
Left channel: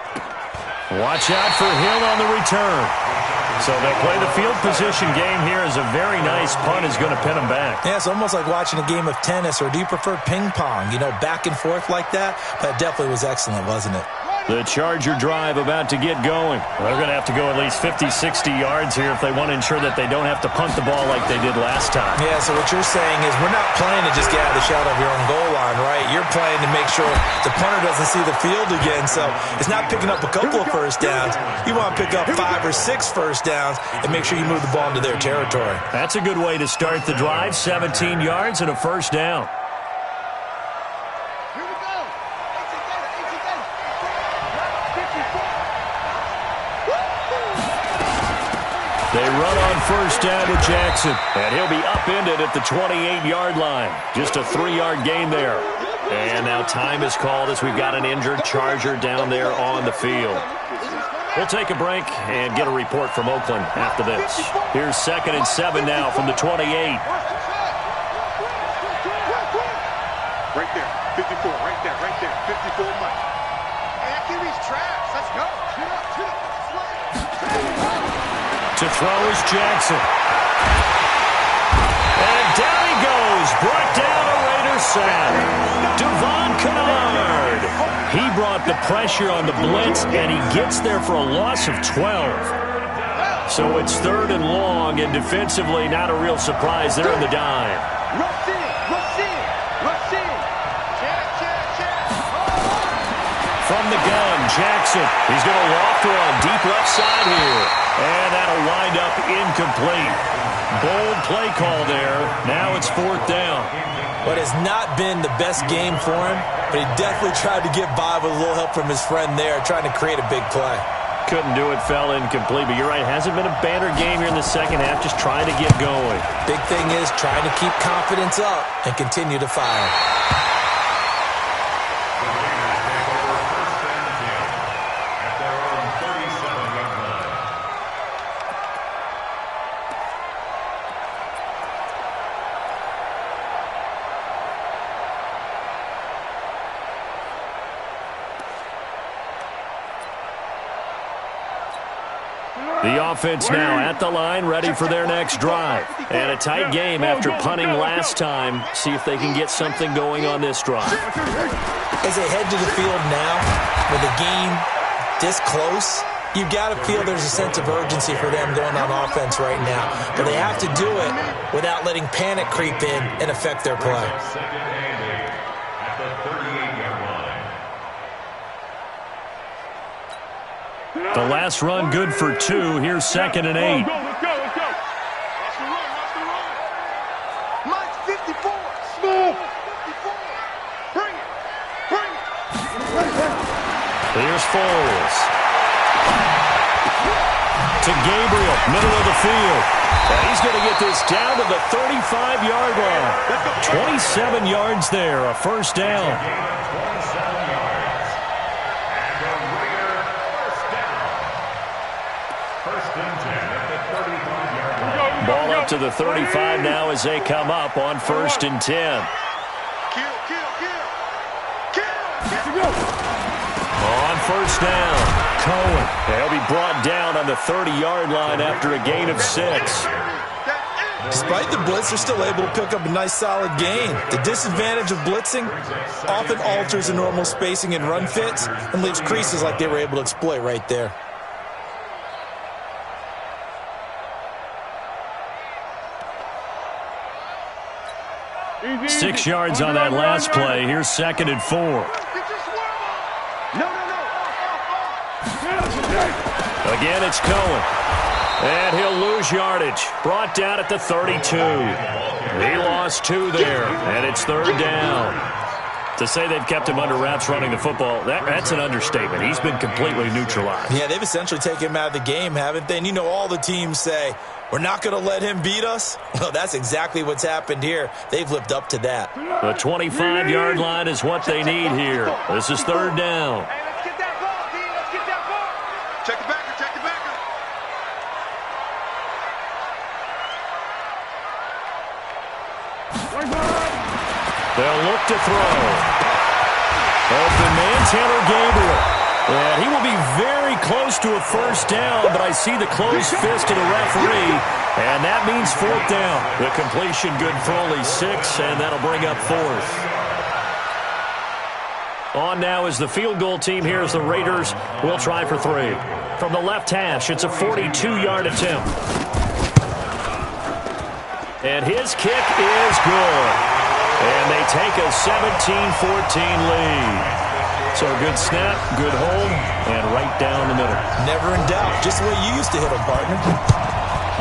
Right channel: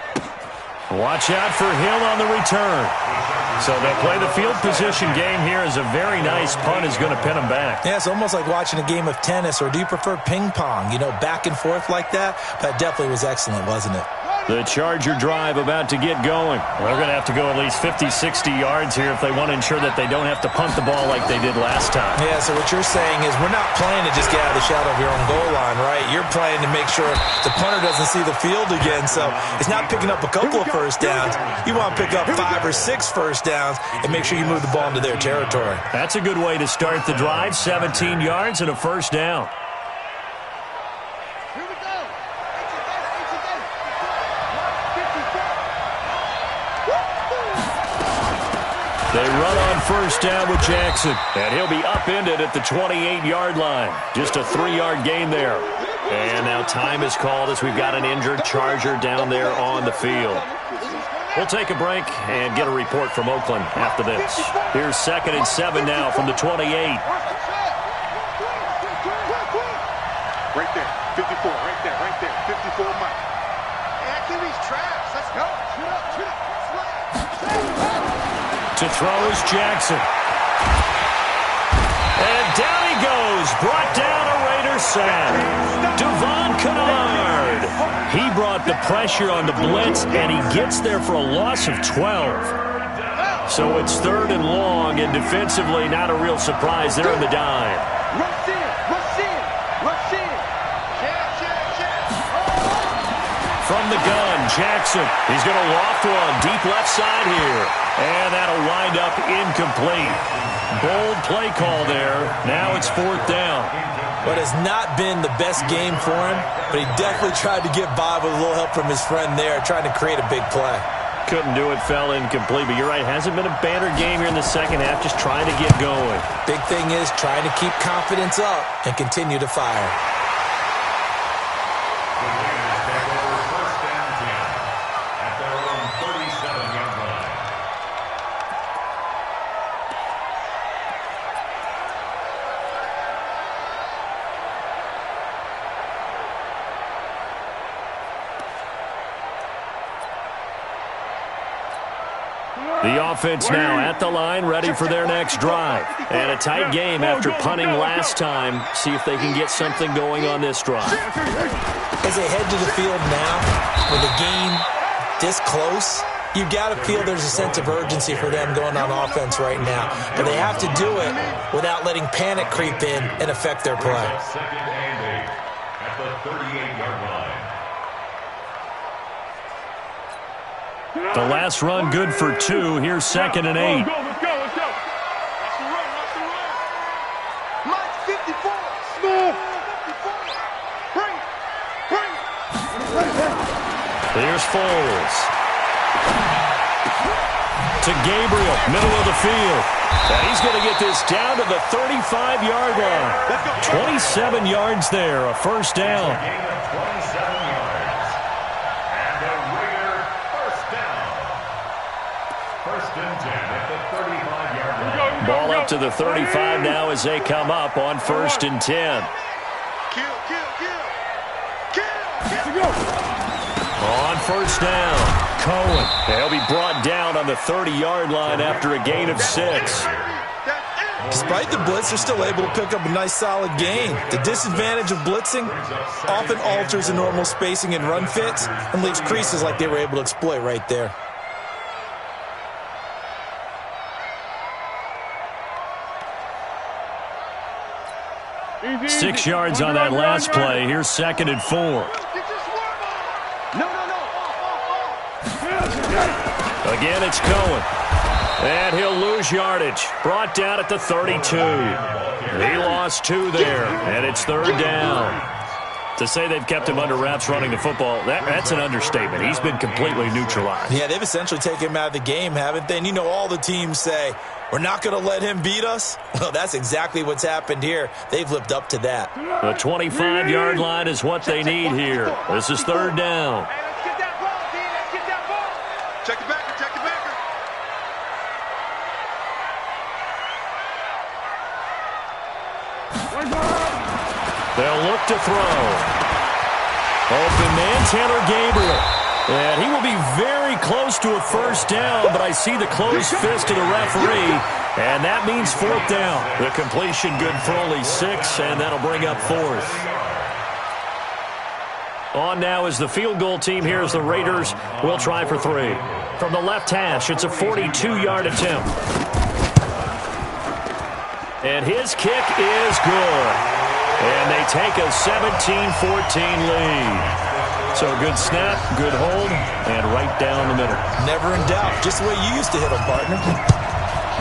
Watch out for Hill on the return. So they'll play the field position game here as a very nice punt is going to pin them back. Yeah, it's almost like watching a game of tennis, or do you prefer ping pong? You know, back and forth like that? That definitely was excellent, wasn't it? The Charger drive about to get going. They're going to have to go at least 50, 60 yards here if they want to ensure that they don't have to punt the ball like they did last time. Yeah, so what you're saying is we're not playing to just get out of the shadow of your own goal line, right? You're playing to make sure the punter doesn't see the field again. So it's not picking up a couple of first downs. You want to pick up 5 or 6 first downs and make sure you move the ball into their territory. That's a good way to start the drive. 17 yards and a first down. They run on first down with Jackson, and he'll be upended at the 28-yard line. Just a 3-yard gain there. And now time is called as we've got an injured Charger down there on the field. We'll take a break and get a report from Oakland after this. Here's 2nd and 7 now from the 28. Right there, 54, right there, 54 Mike. Hey, that QB's trash. Let's go. Shoot up, slam. To throw is Jackson. And down he goes. Brought down a Raider sack. Devon Kennard. He brought the pressure on the blitz, and he gets there for a loss of 12. So it's 3rd and long, and defensively not a real surprise there in the dime. Rush in, rush in, rush in. From the gun, Jackson. He's going to loft one deep left side here. And that'll wind up incomplete. Bold play call there. Now it's 4th down. What has not been the best game for him, but he definitely tried to get by with a little help from his friend there, trying to create a big play. Couldn't do it, fell incomplete. But you're right, hasn't been a banner game here in the second half, just trying to get going. Big thing is trying to keep confidence up and continue to fire. The offense now at the line, ready for their next drive. And a tight game after punting last time. See if they can get something going on this drive. As they head to the field now, with the game this close, you've got to feel there's a sense of urgency for them going on offense right now. But they have to do it without letting panic creep in and affect their play. 2nd and 8 at the 38-yard line. The last run good for 2. Here's 2nd and 8. Let's go, let's go, let's go. Watch the run, watch the run. Mike, 54. Smooth. 54. Bring it, bring it. Here's Foles. To Gabriel, middle of the field. And he's going to get this down to the 35-yard line. 27 yards there, a first down. Gain of 27 yards. And a Raider first down. 1st and 10 at the 35-yard line. Ball up to the 35 now as they come up on 1st and 10. Kill, kill, kill. Kill, kill. On 1st down, Cohen. He'll be brought down on the 30-yard line after a gain of 6. Despite the blitz, they're still able to pick up a nice solid gain. The disadvantage of blitzing often alters the normal spacing and run fits and leaves creases like they were able to exploit right there. 6 yards on that last play. Here's 2nd and 4. No, no, no. Off. Again, it's Cohen. And he'll lose yardage. Brought down at the 32. He lost 2 there, and it's 3rd down. To say they've kept him under wraps running the football, that's an understatement. He's been completely neutralized. Yeah, they've essentially taken him out of the game, haven't they? And you know all the teams say, we're not going to let him beat us. Well, that's exactly what's happened here. They've lived up to that. The 25-yard line is what they need here. This is 3rd down. Hey, let's get that ball, D. Let's get that ball. Check the backer, check the backer. They'll look to throw. Open man, Taylor Gabriel. And he will be very close to a first down, but I see the closed fist of the referee, and that means 4th down. The completion good for only 6, and that'll bring up 4th. On now is the field goal team. Here's the Raiders. We'll try for 3. From the left hash, it's a 42-yard attempt. And his kick is good. And they take a 17-14 lead. So good snap, good hold, and right down the middle. Never in doubt. Just the way you used to hit them, partner.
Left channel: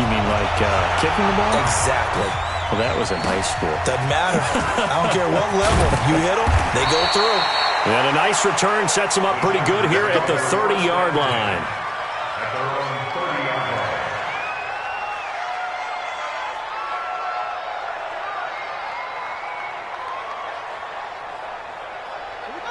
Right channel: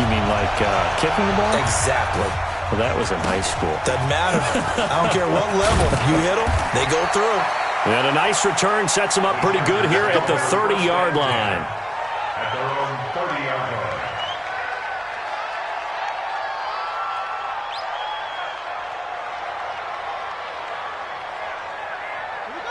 You mean like kicking the ball? Exactly. Well, that was in high school. Doesn't matter. I don't care what level. You hit them, they go through. And a nice return sets them up pretty good here at the 30-yard line. At their own 30-yard line.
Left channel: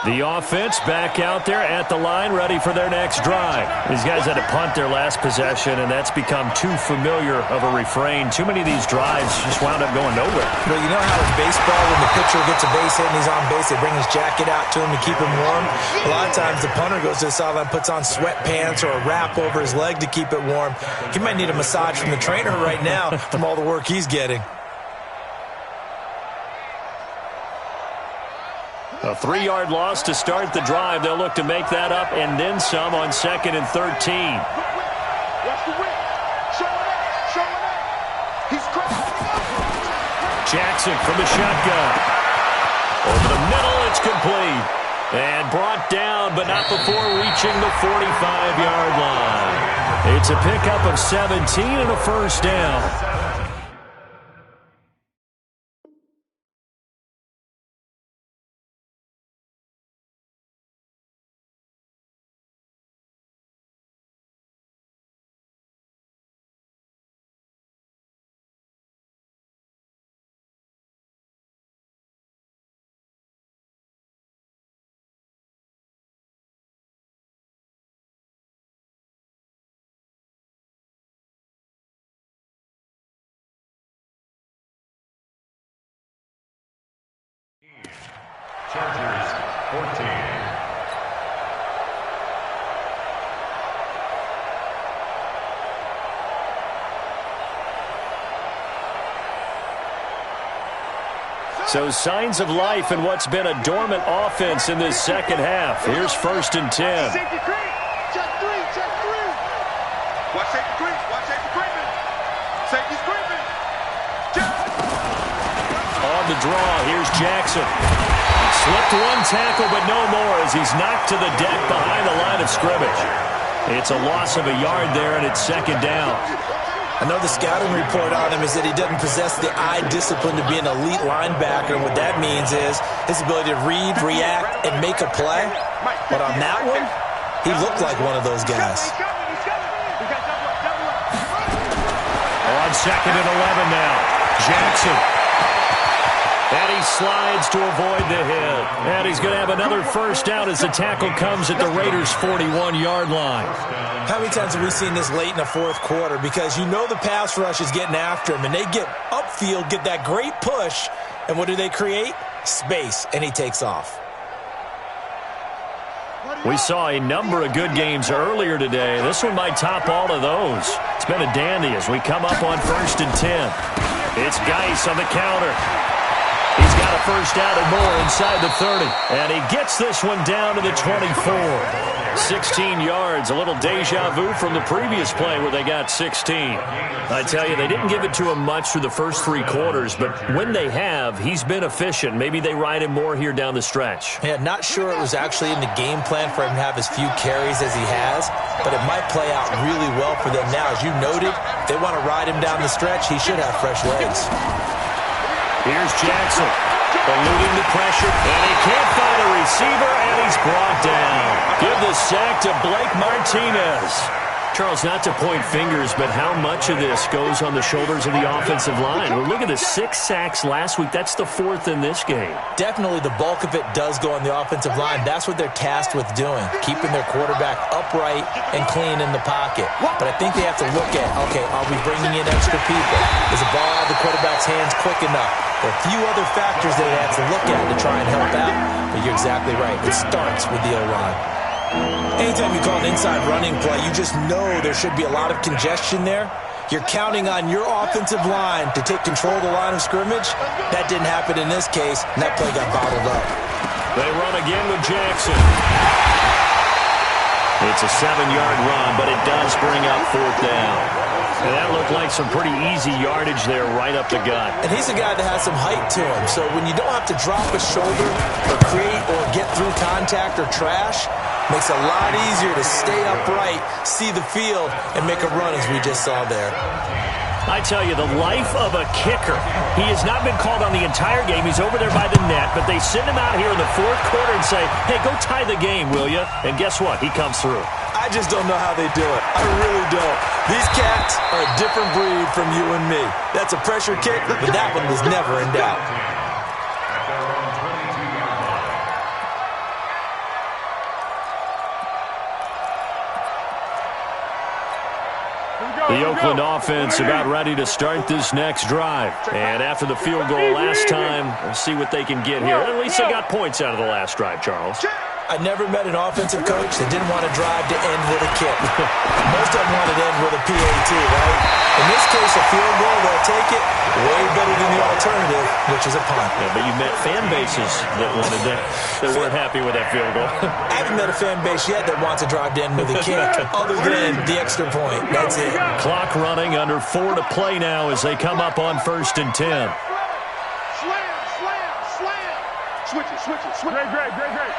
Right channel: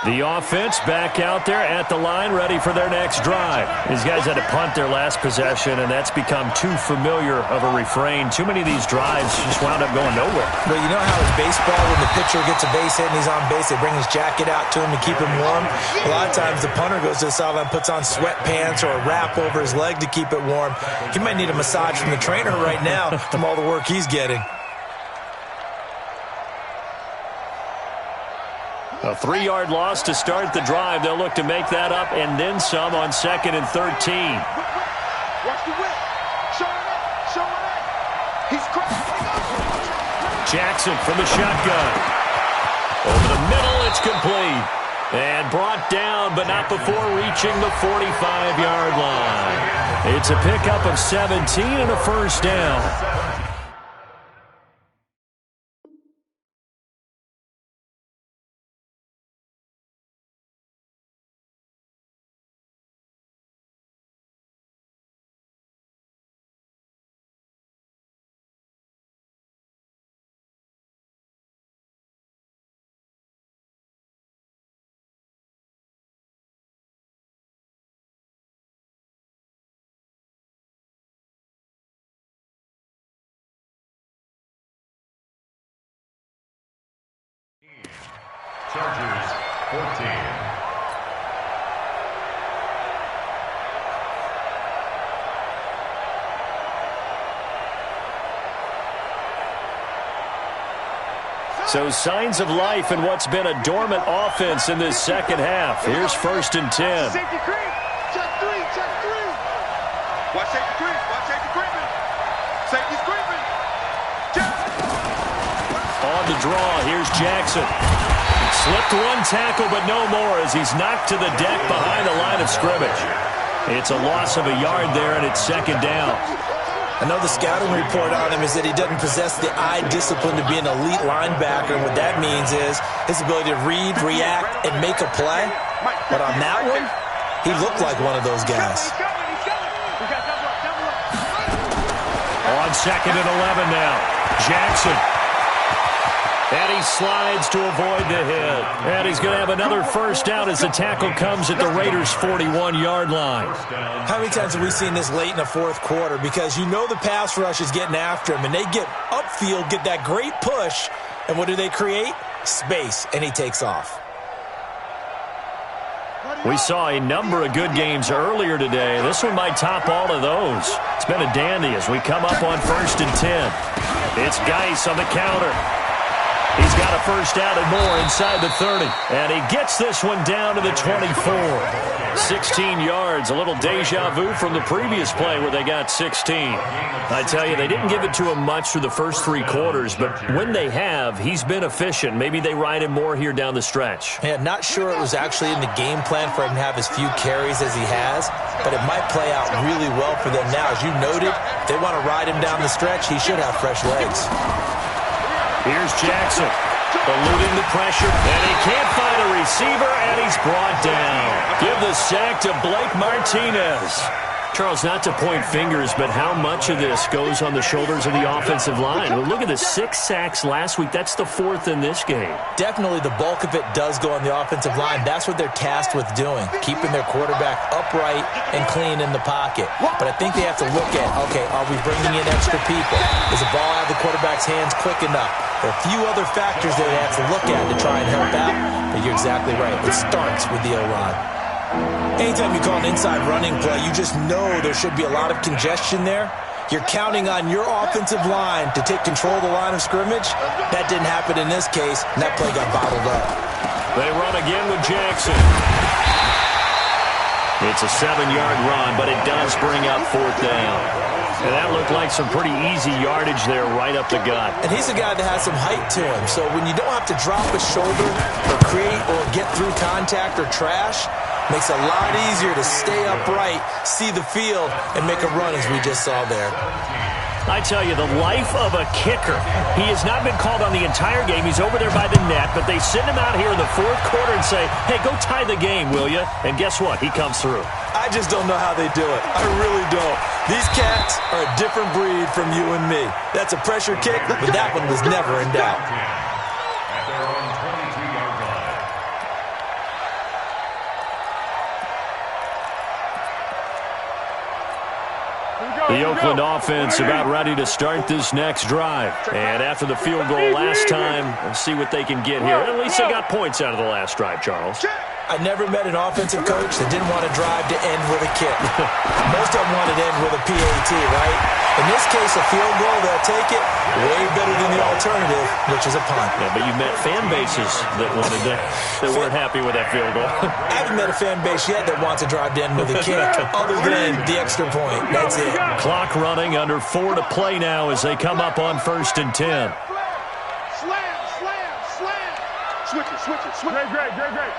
The offense back out there at the line, ready for their next drive. These guys had to punt their last possession, and that's become too familiar of a refrain. Too many of these drives just wound up going nowhere. Well, you know how in baseball, when the pitcher gets a base hit and he's on base, they bring his jacket out to him to keep him warm? A lot of times the punter goes to the sideline, puts on sweatpants or a wrap over his leg to keep it warm. He might need a massage from the trainer right now from all the work he's getting. A 3-yard loss to start the drive. They'll look to make that up and then some on 2nd and 13. Watch the whip. Showing up. He's crashing. Jackson from the shotgun. Over the middle, it's complete. And brought down, but not before reaching the 45-yard line. It's a pickup of 17 and a first down. Chargers 14. So signs of life in what's been a dormant offense in this second half. Here's 1st and 10. Safety creep. Check three. Watch safety creep. Safety creeping. Safety's creeping. On the draw, here's Jackson. Slipped one tackle, but no more as he's knocked to the deck behind the line of scrimmage. It's a loss of a yard there, and it's 2nd down. I know the scouting report on him is that he doesn't possess the eye discipline to be an elite linebacker, and what that means is his ability to read, react, and make a play. But on that one, he looked like one of those guys. On 2nd and 11 now, Jackson. And he slides to avoid the hit. And he's going to have another first down as the tackle comes at the Raiders' 41-yard line. How many times have we seen this late in the fourth quarter? Because you know the pass rush is getting after him, and they get upfield, get that great push, and what do they create? Space, and he takes off. We saw a number of good games earlier today. This one might top all of those. It's been a dandy as we come up on 1st and 10. It's Geis on the counter. He's got a first down and more inside the 30. And he gets this one down to the 24. 16 yards, a little deja vu from the previous play where they got 16. I tell you, they didn't give it to him much through the first 3 quarters, but when they have, he's been efficient. Maybe they ride him more here down the stretch. Yeah, not sure it was actually in the game plan for him to have as few carries as he has, but it might play out really well for them now. As you noted, if they want to ride him down the stretch, he should have fresh legs. Here's Jackson, eluding the pressure, and he can't find a receiver, and he's brought down. Give the sack to Blake Martinez. Charles, not to point fingers, but how much of this goes on the shoulders of the offensive line? Well, look at the 6 sacks last week. That's the 4th in this game. Definitely the bulk of it does go on the offensive line. That's what they're tasked with doing, keeping their quarterback upright and clean in the pocket. But I think they have to look at, okay, are we bringing in extra people? Is the ball out of the quarterback's hands quick enough? There are a few other factors that they have to look at to try and help out, but you're exactly right. It starts with the O-line. Anytime you call an inside running play, you just know there should be a lot of congestion there. You're counting on your offensive line to take control of the line of scrimmage. That didn't happen in this case, and that play got bottled up. They run again with Jackson. It's a 7-yard run, but it does bring up 4th down. And that looked like some pretty easy yardage there right up the gut. And he's a guy that has some height to him. So when you don't have to drop a shoulder or create or get through contact or trash, makes it a lot easier to stay upright, see the field, and make a run as we just saw there. I tell you, the life of a kicker. He has not been called on the entire game. He's over there by the net, but they send him out here in the 4th quarter and say, hey, go tie the game, will you? And guess what? He comes through. I just don't know how they do it. I really don't. These cats are a different breed from you and me. That's a pressure kick, but that one was never in doubt. At their own 22-yard line. The Oakland offense about ready to start this next drive. And after the field goal last time, we'll see what they can get here. At least they got points out of the last drive, Charles. I never met an offensive coach that didn't want to drive to end with a kick. Most of them wanted to end with a PAT, right? In this case, a field goal, they'll take it way better than the alternative, which is a punt. Yeah, but you met fan bases that wanted that weren't happy with that field goal. I haven't met a fan base yet that wants to drive to end with a kick, other than the extra point. That's it. Clock running, under 4 to play now as they come up on 1st and 10. Slam, slam, slam. Switch it, switch it, switch it. Great.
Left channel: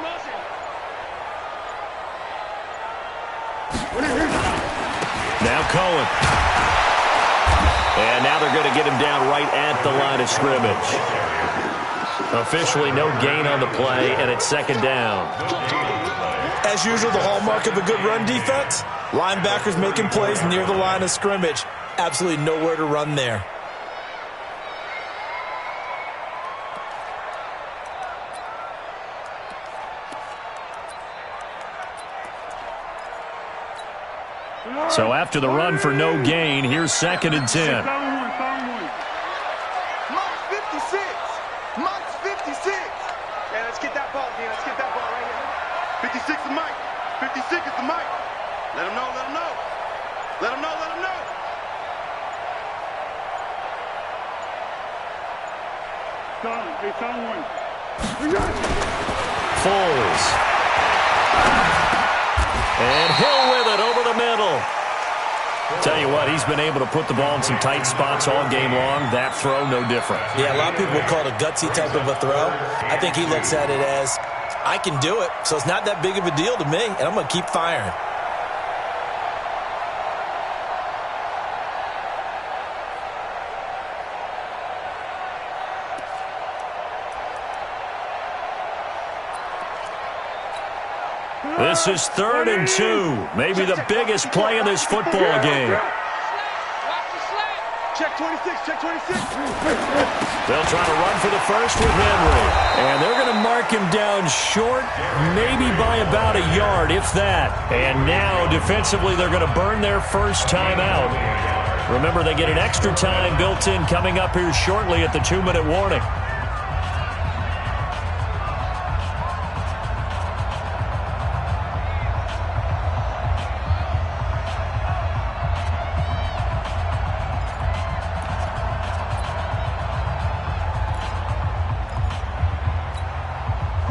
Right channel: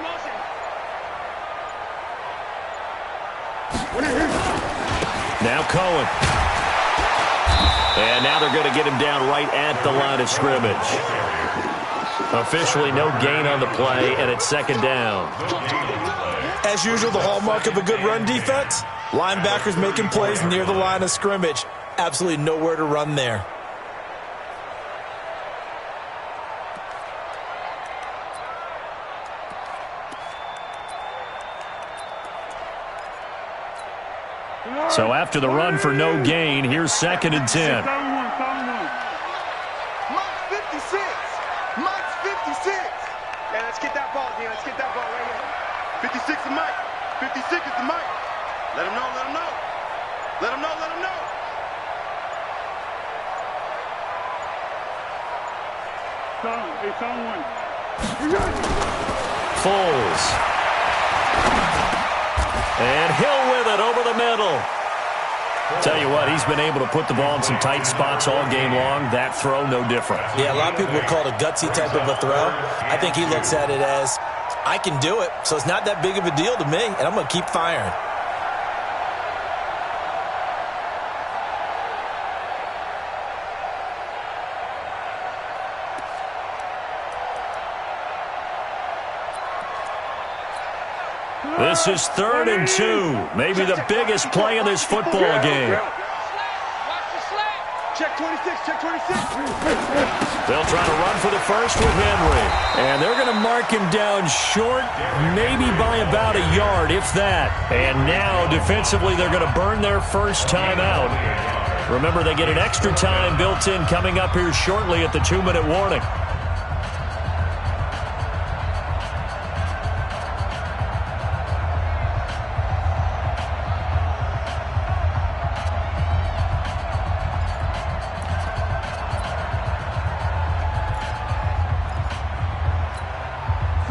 Motion. Now Cohen. And now they're going to get him down right at the line of scrimmage. Officially no gain on the play, and it's 2nd down. As usual, the hallmark of a good run defense, linebackers making plays near the line of scrimmage. Absolutely nowhere to run there. So after the run for no gain, here's 2nd and 10. Mike's 56. Mike's 56. Hey, let's get that ball, Dean. Let's get that ball right here. 56 is Mike. 56 is the Mike. Let him know. Let him know. It's on one. Foles. And Hill with it over the middle. Tell you what, he's been able to put the ball in some tight spots all game long. That throw, no different. Yeah, a lot of people would call it a gutsy type of a throw. I think he looks at it as, I can do it, so it's not that big of a deal to me, and I'm going to keep firing. This is 3rd and 2. Maybe the biggest play of this football game. Watch the slap. Check 26. They'll try to run for the first with Henry. And they're going to mark him down short, maybe by about a yard, if that. And now, defensively, they're going to burn their first time out. Remember, they get an extra time built in coming up here shortly at the 2-minute warning.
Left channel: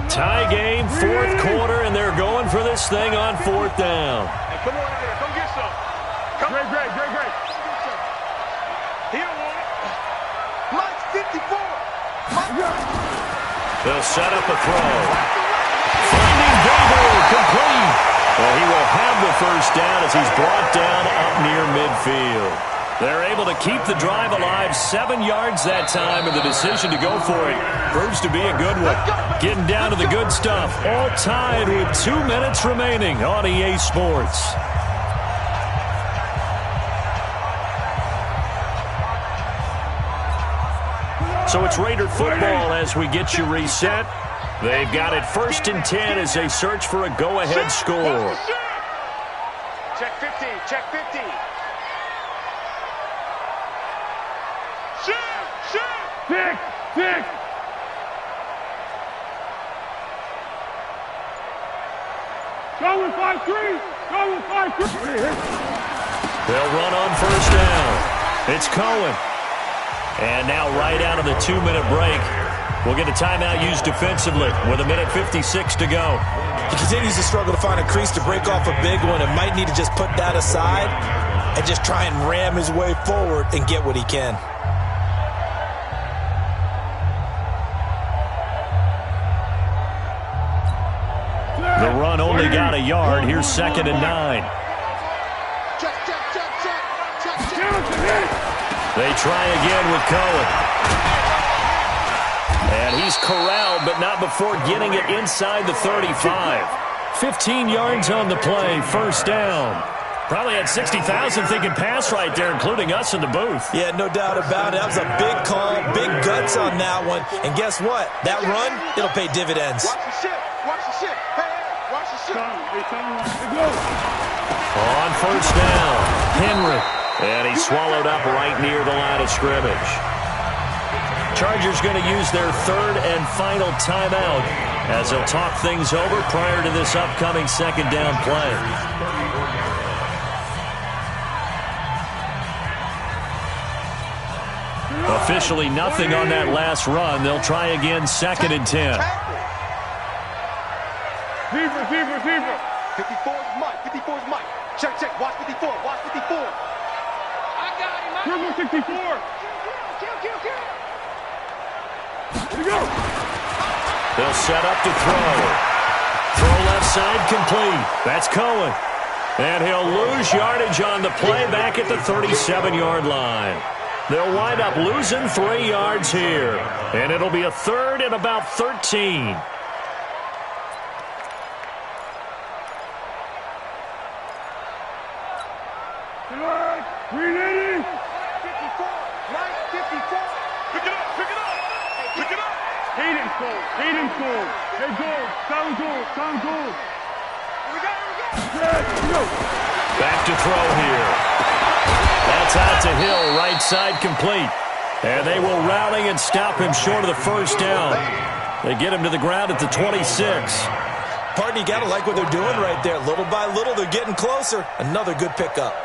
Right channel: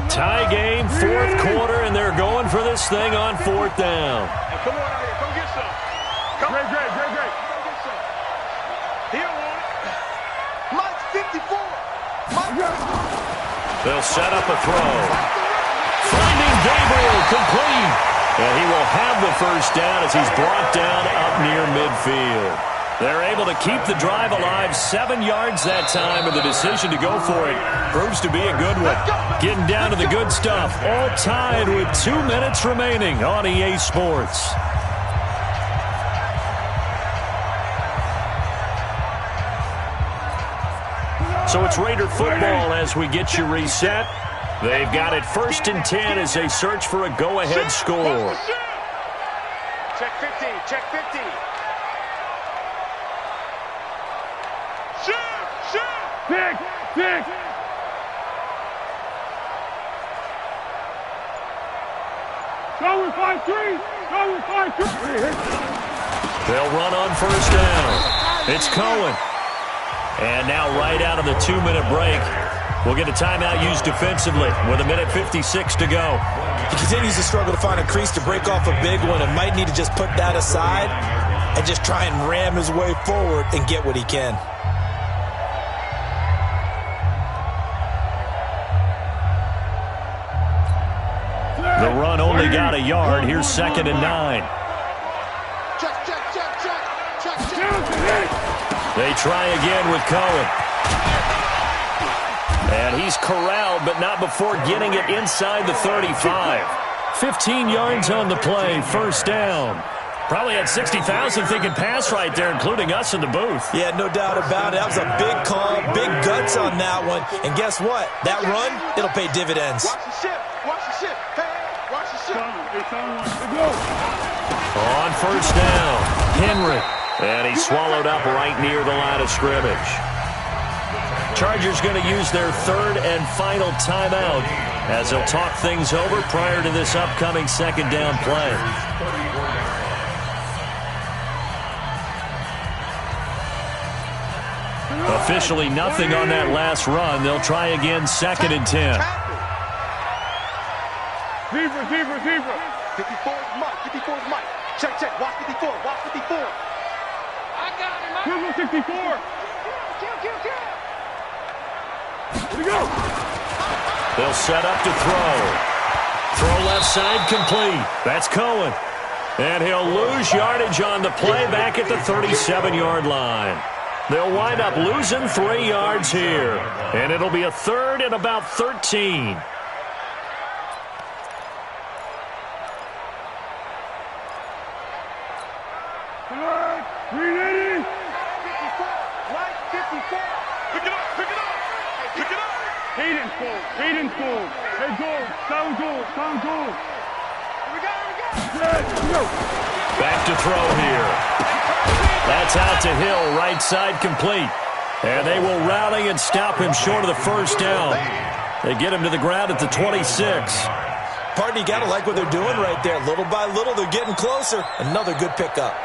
Tie game, 4th quarter, and they're going for this thing on 4th down. Hey, come on out here. Come get some. Great. Come get some. He don't want it. Mike's 54. They'll set up a throw. Finding Gabriel, complete. And he will have the first down as he's brought down up near midfield. They're able to keep the drive alive, 7 yards that time, and the decision to go for it proves to be a good one. Getting down to the good stuff, all tied with 2 minutes remaining on EA Sports. So it's Raider football as we get you reset. They've got it 1st and 10 as they search for a go-ahead score. Check 50. Six. Going 5-3. They'll run on 1st down. It's Cohen. And now right out of the 2-minute break, we'll get a timeout used defensively with 1:56 to go. He continues to struggle to find a crease to break off a big one and might need to just put that aside and just try and ram his way forward and get what he can. The run only got a yard. Here's 2nd and 9. Check. They try again with Cohen. And he's corralled, but not before getting it inside the 35. 15 yards on the play, 1st down. Probably had 60,000 thinking pass right there, including us in the booth. Yeah, no doubt about it. That was a big call, big guts on that one. And guess what? That run, it'll pay dividends. Watch the ship. Watch the ship. Hey, watch the ship. On first down, Henry. And he's swallowed up right near the line of scrimmage. Chargers going to use their third and final timeout as they'll talk things over prior to this upcoming second down play. Officially nothing on that last run. They'll try again second and 10. Receiver. 54 is Mike. 54 is Mike. Check. Watch 54. Watch 54. I got him. Triple 64. Kill. Here we go. They'll set up to throw. Throw left side complete. That's Cohen. And he'll lose yardage on the play back at the 37-yard line. They'll wind up losing 3 yards here. And it'll be a third and about 13. Tonight, 380. 54. Right, 54. Pick it up. Hayden's goal. Hey, goal. Sound goal. Here we go. Here we go. Back to throw here. That's out to Hill, right side complete. And they will rally and stop him short of the first down. They get him to the ground at the 26. Partner, you got to like what they're doing right there. Little by little, they're getting closer. Another good pickup.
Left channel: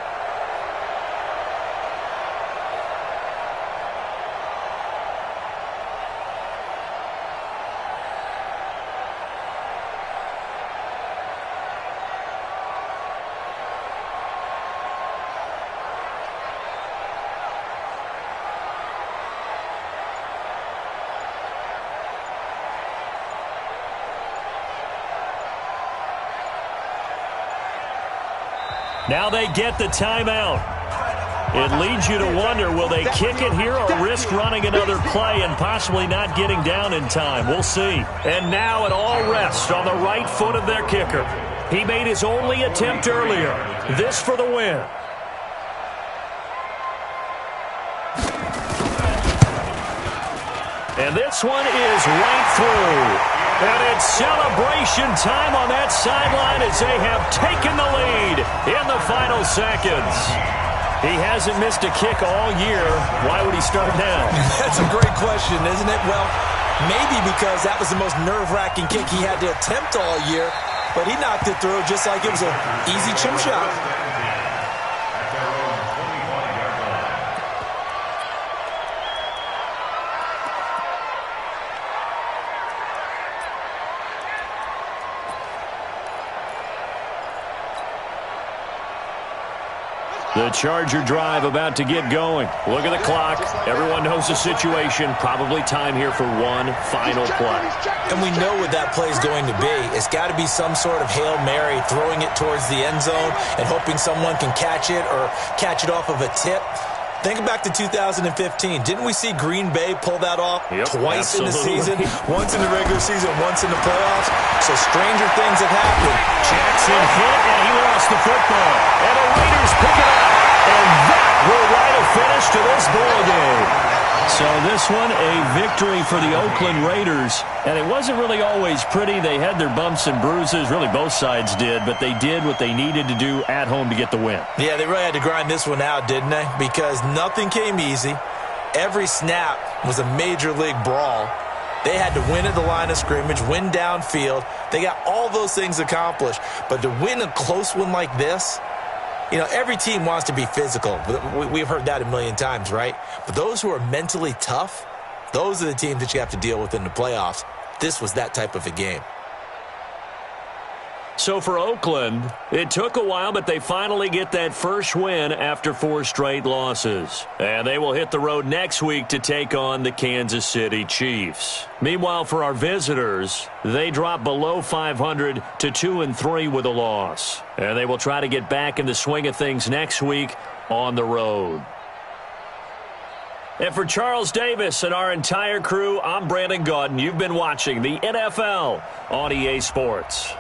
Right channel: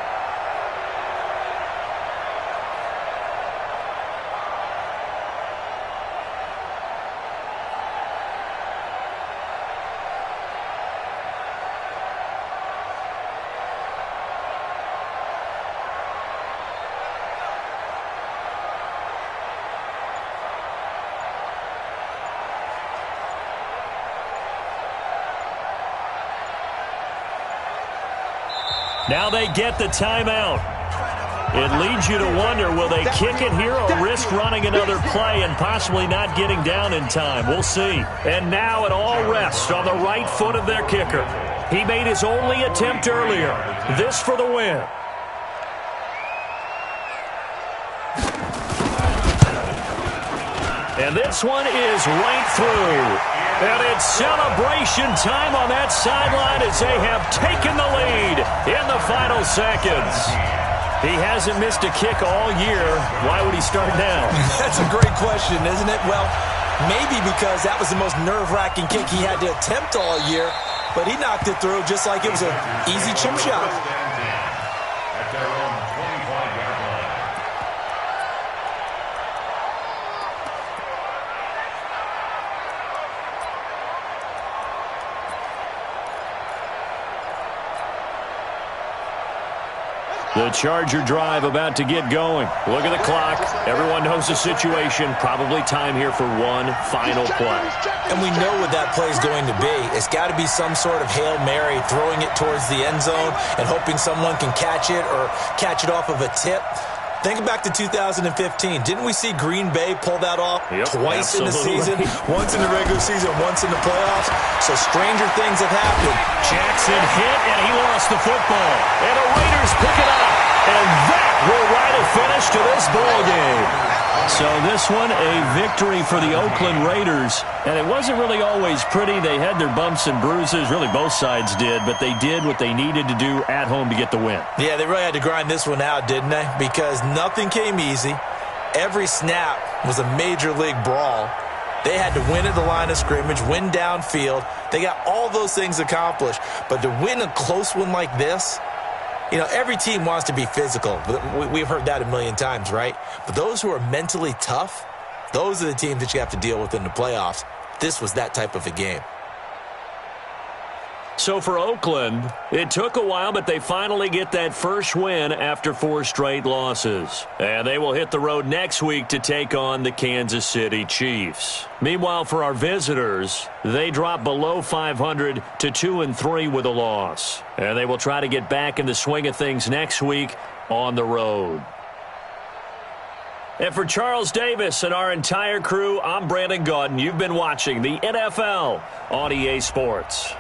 Now they get the timeout. It leads you to wonder, will they kick it here or risk running another play and possibly not getting down in time? We'll see. And now it all rests on the right foot of their kicker. He made his only attempt earlier. This for the win. And this one is right through. And it's celebration time on that sideline as they have taken the lead in the final seconds. He hasn't missed a kick all year. Why would he start now? That's a great question, isn't it? Well, maybe because that was the most nerve-wracking kick he had to attempt all year, but he knocked it through just like it was an easy chip shot. At their own 25-yard line. The Charger drive about to get going. Look at the clock. Everyone knows the situation. Probably time here for one final play. And we know what that play is going to be. It's got to be some sort of Hail Mary, throwing it towards the end zone and hoping someone can catch it or catch it off of a tip. Think back to 2015. Didn't we see Green Bay pull that off twice in the season? Once in the regular season, once in the playoffs. So stranger things have happened. Jackson hit, and he lost the football. And the Raiders pick it up. And that will write a finish to this ball game. So this one, a victory for the Oakland Raiders. And it wasn't really always pretty. They had their bumps and bruises. Really, both sides did. But they did what they needed to do at home to get the win. Yeah, they really had to grind this one out, didn't they? Because nothing came easy. Every snap was a major league brawl. They had to win at the line of scrimmage, win downfield. They got all those things accomplished. But to win a close one like this, you know, every team wants to be physical. We've heard that a million times, right? But those who are mentally tough, those are the teams that you have to deal with in the playoffs. This was that type of a game. So for Oakland, it took a while, but they finally get that first win after 4 straight losses. And they will hit the road next week to take on the Kansas City Chiefs. Meanwhile, for our visitors, they drop below 500 to 2-3 with a loss. And they will try to get back in the swing of things next week on the road. And for Charles Davis and our entire crew, I'm Brandon Gaudin. You've been watching the NFL on EA Sports.